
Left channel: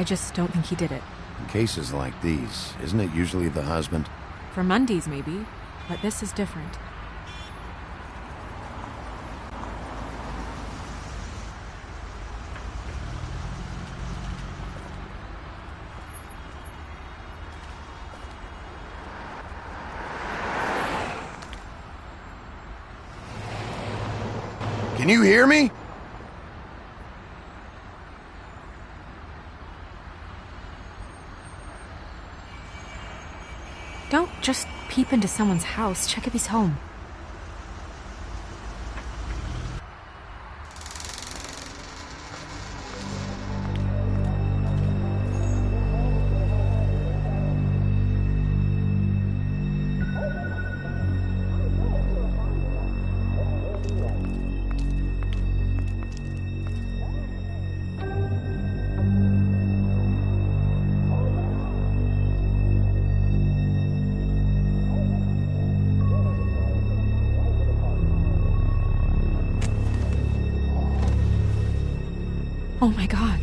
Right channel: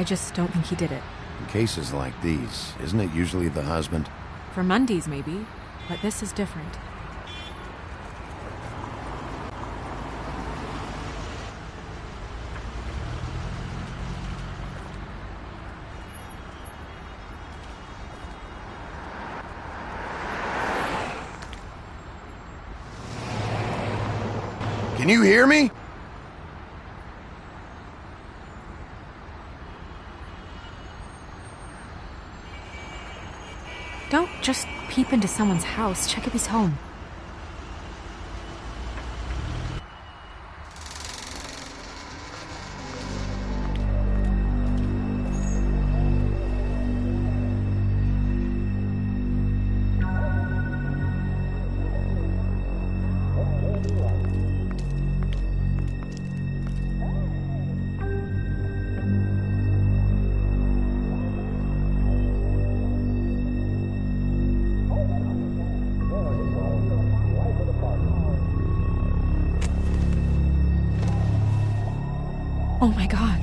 just don't think he did it. In cases like these, isn't it usually the husband? For Mundy's, maybe. But this is different. Can you hear me? Don't just peep into someone's house. Check if he's home. Oh my god.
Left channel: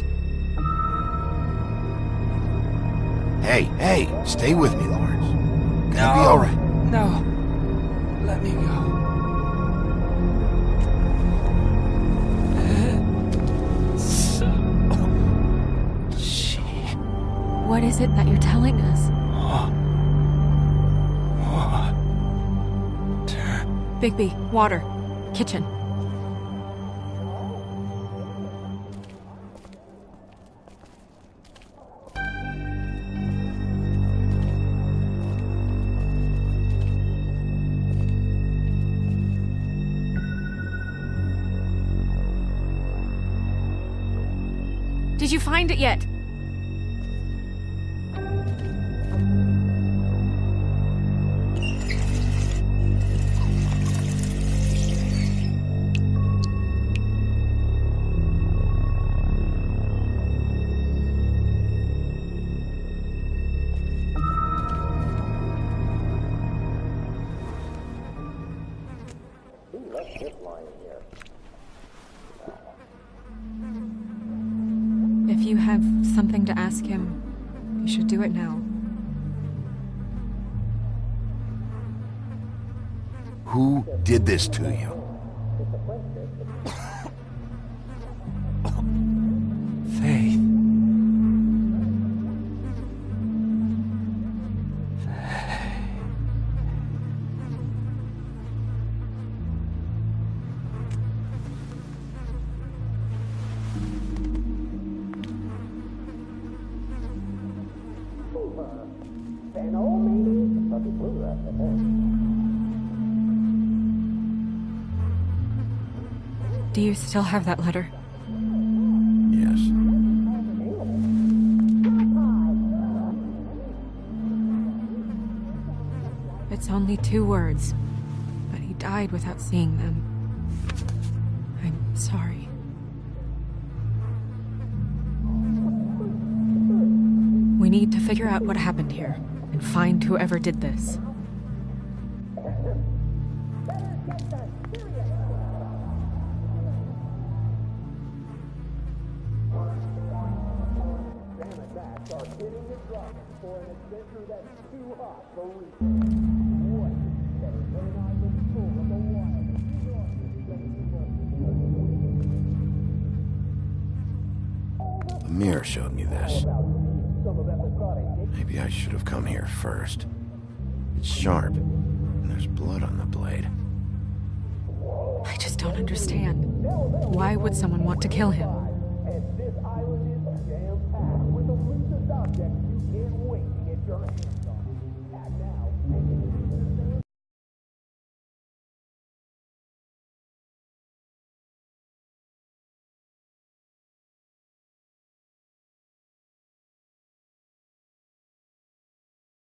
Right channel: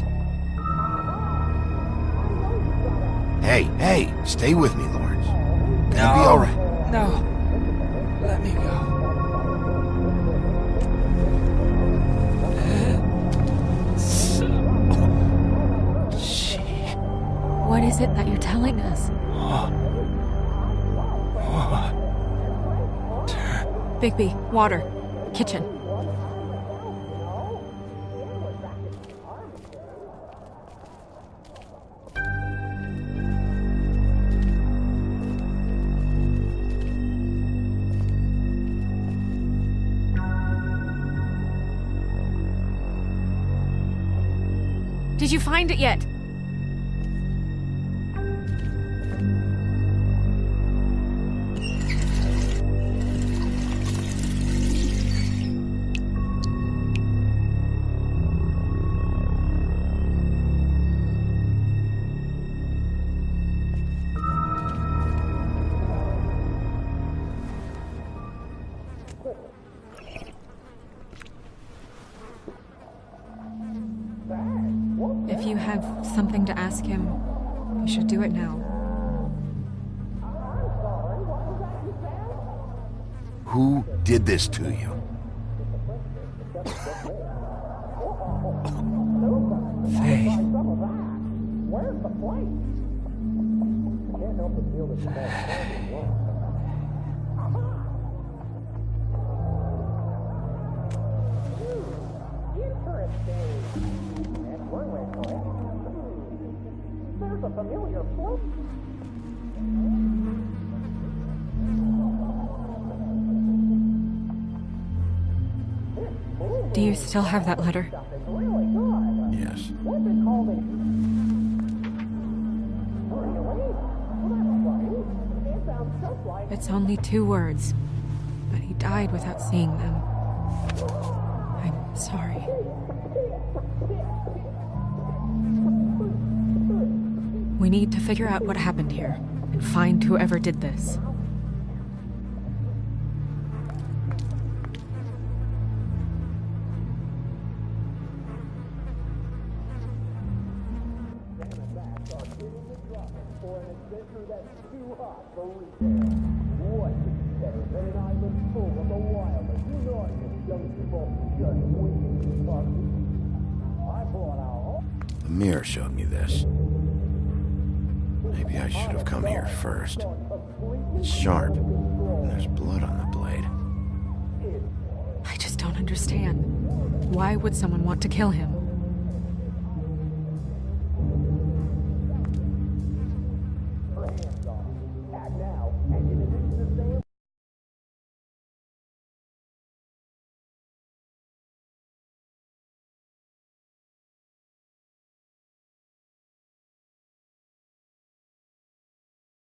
Hey, stay with me, Lawrence. Gonna be alright. No. Let me go. What is it that you're telling us? Bigby, water. Kitchen. Did you find it yet? If you have something to ask him, you should do it now. Who did this to you? Faith. Do you still have that letter? Yes. It's only 2 words, but he died without seeing them. I'm sorry. We need to figure out what happened here and find whoever did this. Amir showed me this. Maybe I should have come here first. It's sharp, and there's blood on the blade. I just don't understand. Why would someone want to kill him?